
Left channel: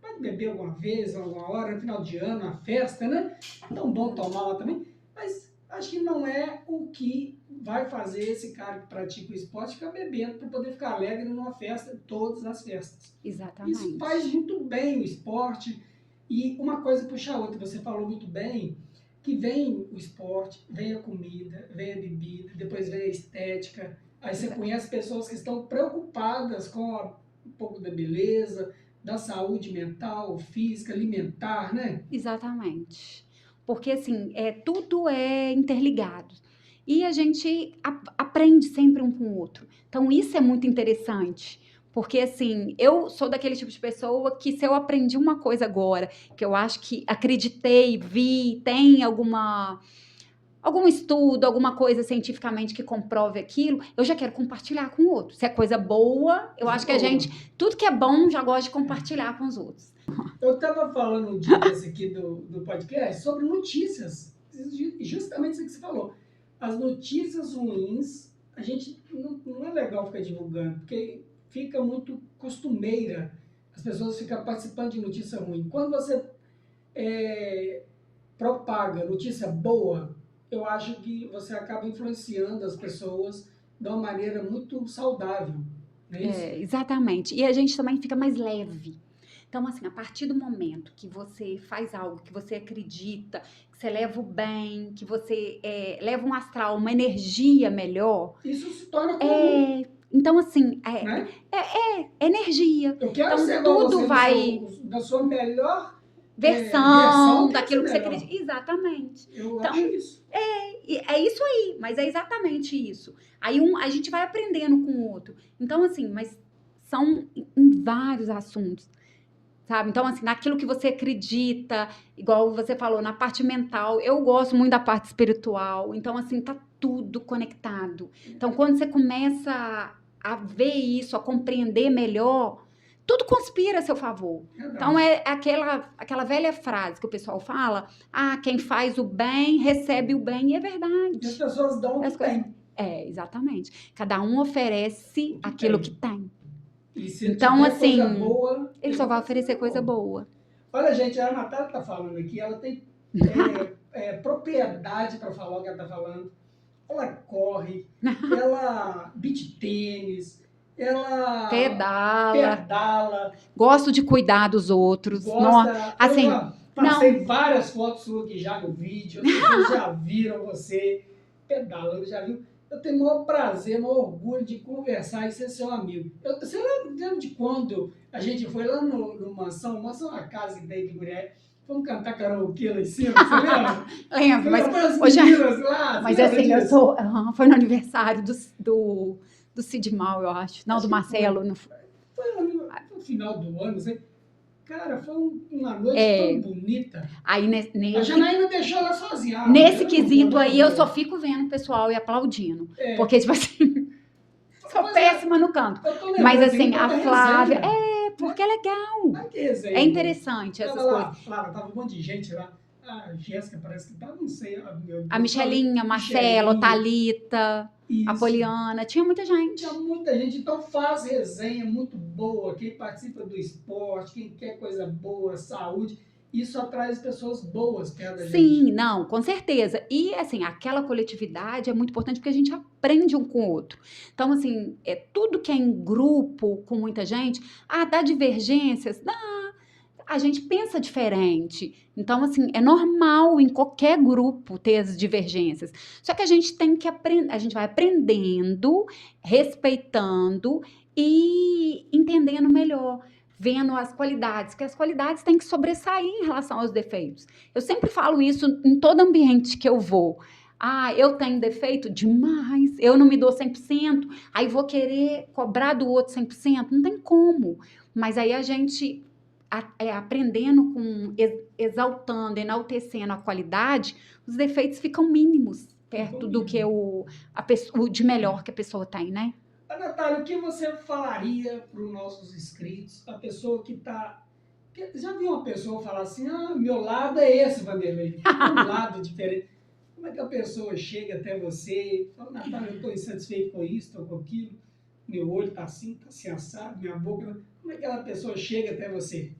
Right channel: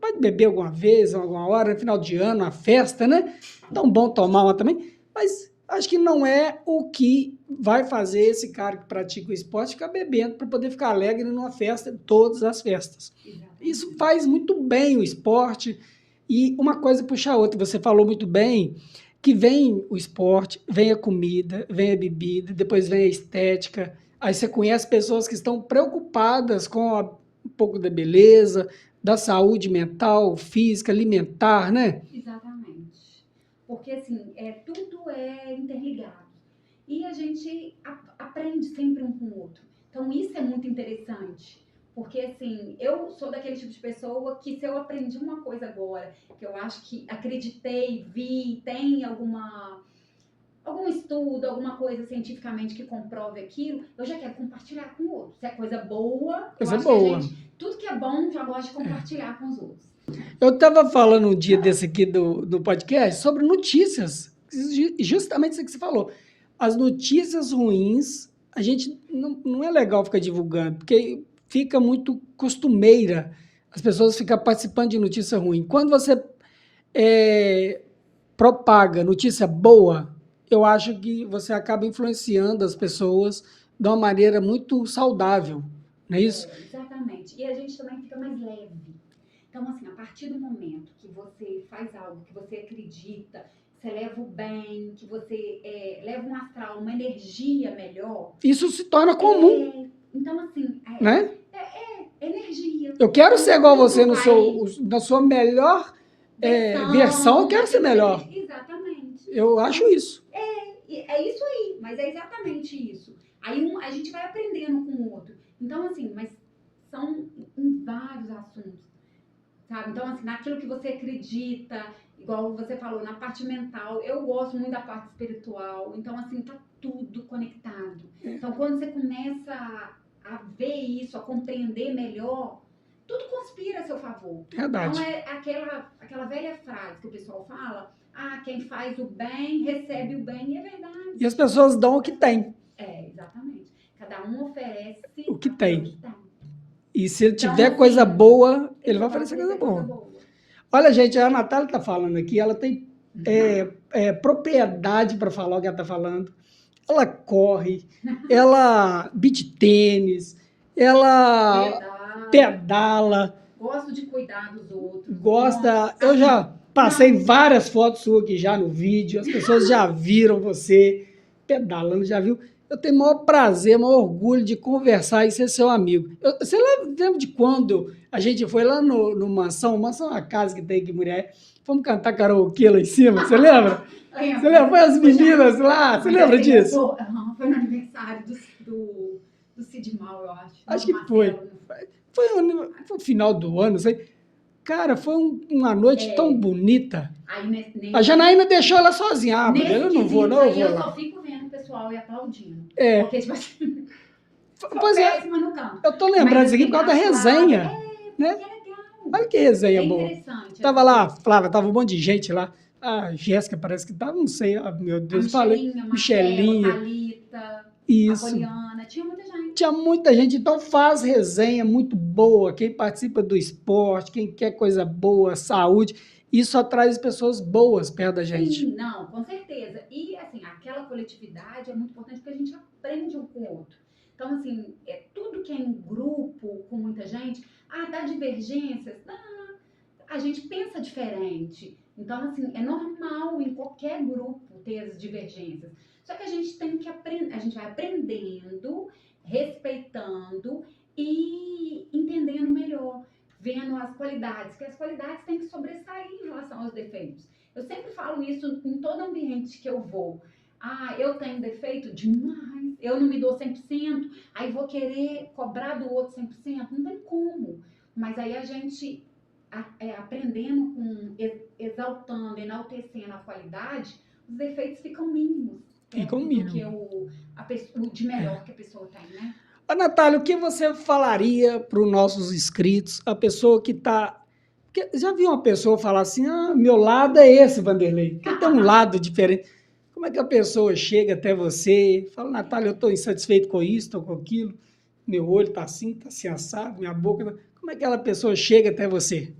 pode beber alguma vez, alguma hora, no final de ano, uma festa, né? Tão bom tomar uma também, mas acho que não é o que vai fazer esse cara que pratica o esporte ficar bebendo para poder ficar alegre numa festa, todas as festas. Exatamente. Isso faz muito bem o esporte e uma coisa puxa a outra. Você falou muito bem que vem o esporte, vem a comida, vem a bebida, depois vem a estética. Aí você conhece pessoas que estão preocupadas com um pouco da beleza, da saúde mental, física, alimentar, né? Exatamente. Porque, assim, tudo é interligado. E a gente aprende sempre um com o outro. Então, isso é muito interessante. Porque, assim, eu sou daquele tipo de pessoa que se eu aprendi uma coisa agora, que eu acho que acreditei, vi, tem algum estudo, alguma coisa cientificamente que comprove aquilo, eu já quero compartilhar com o outro. Se é coisa boa, eu Coisa acho que a boa. gente, tudo que é bom, já gosta de compartilhar com os outros. Eu estava falando um dia desse aqui do podcast sobre notícias, justamente isso que você falou. As notícias ruins, a gente não é legal ficar divulgando, porque fica muito costumeira as pessoas ficam participando de notícia ruim. Quando você propaga notícia boa, eu acho que você acaba influenciando as pessoas de uma maneira muito saudável, não é isso? Exatamente. E a gente também fica mais leve. Então, assim, a partir do momento que você faz algo, que você acredita, que você leva o bem, que você leva um astral, uma energia melhor. Isso se torna comum, Então, assim, né? energia. Eu quero Então, ser igual tudo você vai na sua melhor versão, eu quero ser daquilo que você melhor. acredita. Exatamente. Eu acho isso. E é isso aí, mas é exatamente isso. Aí a gente vai aprendendo com o outro. Então, assim, mas são em vários assuntos, sabe? Então, assim, naquilo que você acredita, igual você falou, na parte mental, eu gosto muito da parte espiritual. Então, assim, tá tudo conectado. Então, quando você começa a ver isso, a compreender melhor, tudo conspira a seu favor. Verdade. Então, é aquela velha frase que o pessoal fala: quem faz o bem, recebe o bem, e é verdade. E as pessoas dão o que têm. Exatamente. Cada um oferece O que aquilo tem. que tem. E se ele Então, tiver assim, coisa boa, ele só vai vai oferecer coisa boa. Olha, gente, a Natália está falando aqui, ela tem propriedade para falar o que ela está falando. Ela corre, ela beach tênis, ela pedala. Gosto de cuidar dos outros. Gosta. Assim, eu já passei várias fotos suas aqui já no vídeo, as pessoas já viram você pedalando, já viu? Eu tenho o maior prazer, o maior orgulho de conversar e ser seu amigo. Você lembra de quando a gente foi lá no Mansão? Mansão é uma casa que tem aqui em Murié. Fomos cantar karaokê lá em cima, você lembra? Lembro. Você lembra? Foi as meninas lá, você lembra disso? Foi no aniversário do Cid Mal, eu acho. Não, do Marcelo. Foi o final do ano, não sei. Cara, foi uma noite tão bonita. Aí, a Janaína deixou ela sozinha. Nesse quesito aí, eu só fico vendo o pessoal e aplaudindo. Porque, tipo assim, sou péssima no canto. Eu tô lembrando isso aqui por causa da resenha. Porque é legal. Olha que resenha É interessante. Tava lá, Flávia, tava um monte de gente lá. A Jéssica parece que tava, não sei, meu Deus. A Michelinha, Marcelo, Thalita, a Poliana, tinha muita gente. Tinha muita gente, então faz resenha muito boa. Quem participa do esporte, quem quer coisa boa, saúde, isso atrai pessoas boas perto da gente. Sim, não, com certeza. E, assim, aquela coletividade é muito importante porque a gente aprende um com o outro. Então, assim, tudo que é em grupo, com muita gente, dá divergências, dá. A gente pensa diferente. Então, assim, é normal em qualquer grupo ter as divergências. Só que a gente tem que aprender, a gente vai aprendendo, respeitando e entendendo melhor, vendo as qualidades, que as qualidades têm que sobressair em relação aos defeitos. Eu sempre falo isso em todo ambiente que eu vou. Ah, eu tenho defeito demais, eu não me dou 100%, aí vou querer cobrar do outro 100%, não tem como. Mas aí a gente aprendendo com, exaltando, enaltecendo a qualidade, os defeitos ficam mínimos Ficam perto do que mesmo. o de melhor que a pessoa tem, né? Ô, Natália, o que você falaria para os nossos inscritos, a pessoa que está... Já viu uma pessoa falar assim, ah, meu lado é esse, Vanderlei, porque tem um lado diferente. Como é que a pessoa chega até você e fala, Natália, eu estou insatisfeito com isso, estou com aquilo, meu olho está assim assado, minha boca... Como é que aquela pessoa chega até você?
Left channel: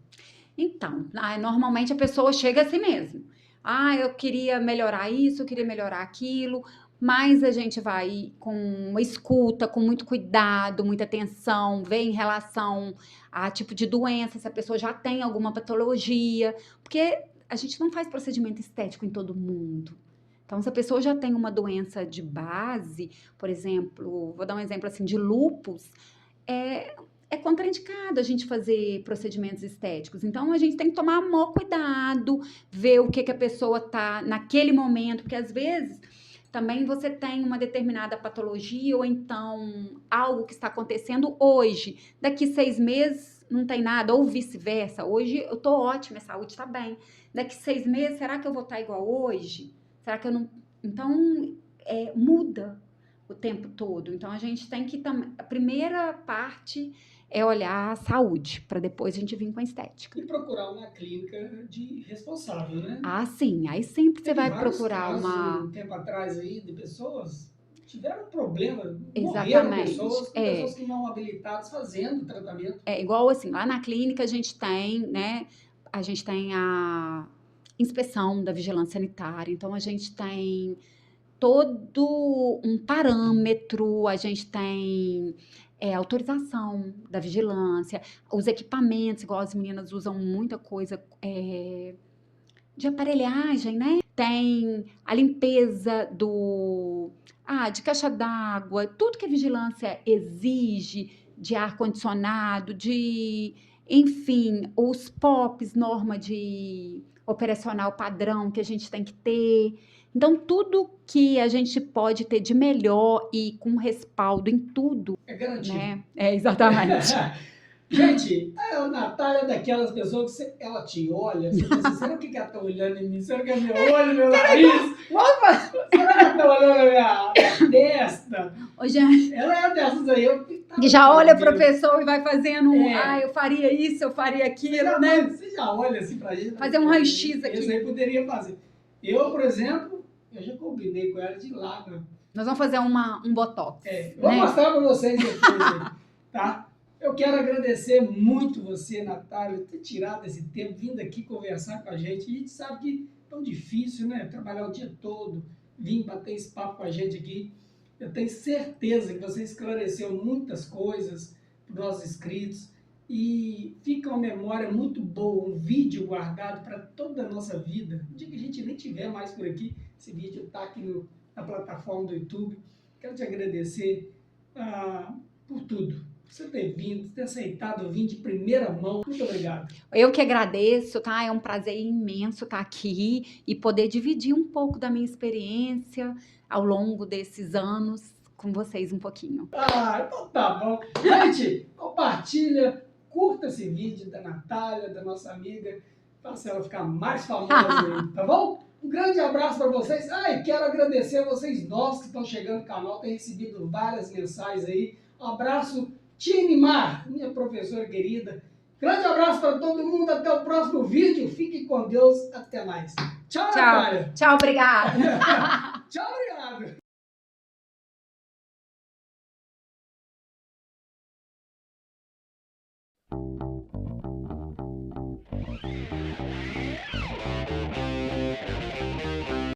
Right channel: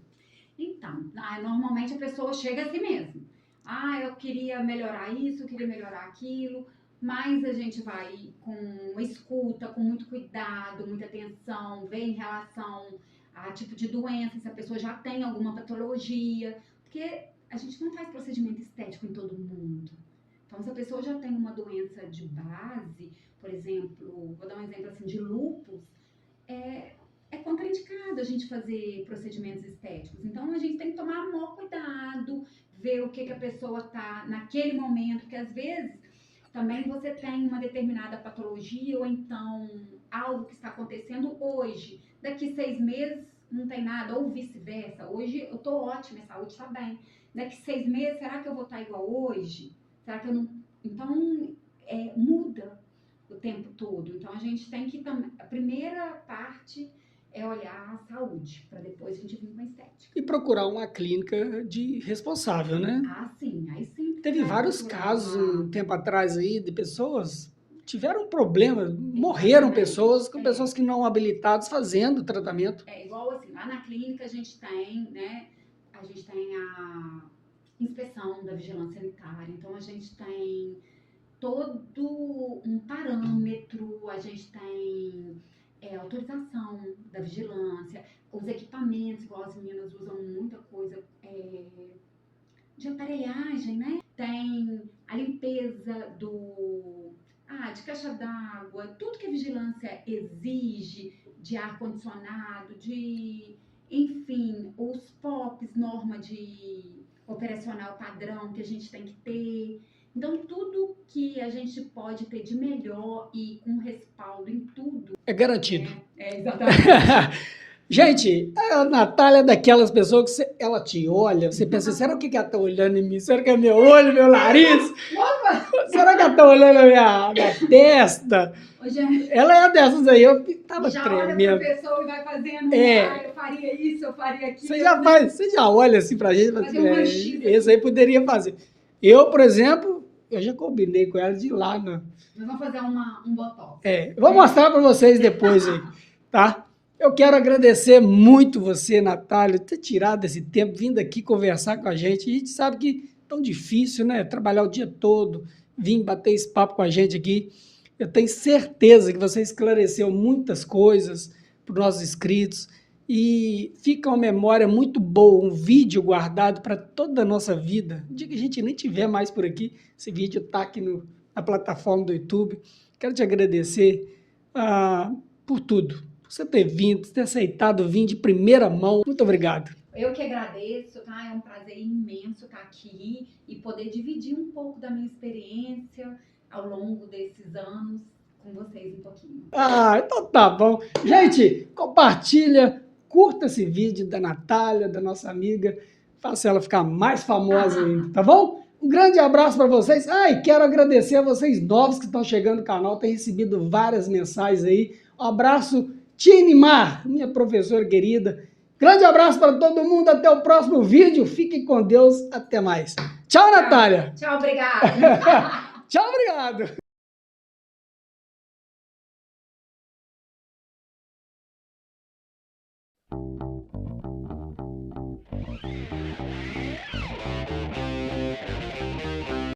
Então, normalmente a pessoa chega assim mesmo. Ah, eu queria melhorar isso, eu queria melhorar aquilo, mas a gente vai com uma escuta, com muito cuidado, muita atenção, vê em relação a tipo de doença, se a pessoa já tem alguma patologia, porque a gente não faz procedimento estético em todo mundo. Então, se a pessoa já tem uma doença de base, por exemplo, vou dar um exemplo assim de lúpus, é, é contraindicado a gente fazer procedimentos estéticos. Então, a gente tem que tomar maior cuidado, ver o que a pessoa tá naquele momento, porque às vezes também você tem uma determinada patologia ou então algo que está acontecendo hoje. Daqui 6 meses não tem nada, ou vice-versa. Hoje eu tô ótima, a saúde está bem. Daqui 6 meses, será que eu vou estar igual hoje? Será que eu não. Então, muda o tempo todo. Então, a gente tem que. A primeira parte é olhar a saúde, para depois a gente vir com a estética. E procurar uma clínica de responsável, né? Ah, sim. Aí sempre você Teve vai vários procurar casos um uma. tempo atrás aí de pessoas tiveram problema, morreram Exatamente. pessoas com pessoas que não habilitadas fazendo tratamento. É igual assim, lá na clínica a gente tem, né? A gente tem a inspeção da vigilância sanitária, então a gente tem todo um parâmetro, a gente tem autorização da vigilância, os equipamentos, igual as meninas usam muita coisa de aparelhagem, né? Tem a limpeza de caixa d'água, tudo que a vigilância exige, de ar-condicionado, enfim, os POPs, norma de operacional padrão que a gente tem que ter. Então, tudo que a gente pode ter de melhor e com respaldo em tudo, É garantido. né? Exatamente. Gente, a Natália é daquelas pessoas que ela te olha, você pensa, será que ela está olhando em mim? Será que é meu olho, meu nariz? Opa, será que ela está olhando a minha testa? Ela é dessas aí, eu tava já olha para a tremendo. pessoa e vai fazendo, eu faria isso, eu faria aquilo, Você já olha assim pra gente, fazer um raio-x aqui. esse aí poderia fazer. Eu, por exemplo, eu já combinei com ela de ir lá, né? Nós vamos fazer um botox. Eu vou mostrar para vocês depois aí, tá? Eu quero agradecer muito você, Natália, ter tirado esse tempo, vindo aqui conversar com a gente. A gente sabe que é tão difícil, né? Trabalhar o dia todo, vir bater esse papo com a gente aqui. Eu tenho certeza que você esclareceu muitas coisas para os nossos inscritos e fica uma memória muito boa, um vídeo guardado para toda a nossa vida. No dia que a gente nem tiver mais por aqui, esse vídeo está aqui na plataforma do YouTube. Quero te agradecer por tudo. Por você ter vindo, ter aceitado vir de primeira mão. Muito obrigado. Eu que agradeço, tá? É um prazer imenso estar aqui e poder dividir um pouco da minha experiência ao longo desses anos com vocês um pouquinho. Então tá bom. Gente, compartilha, curta esse vídeo da Natália, da nossa amiga. Faça ela ficar mais famosa ainda, tá bom? Um grande abraço para vocês. E quero agradecer a vocês novos que estão chegando no canal. Tem recebido várias mensagens aí. Um abraço, Tinimar, minha professora querida. Grande abraço para todo mundo. Até o próximo vídeo. Fiquem com Deus. Até mais. Tchau, Natália. Tchau, obrigada. Tchau, obrigado.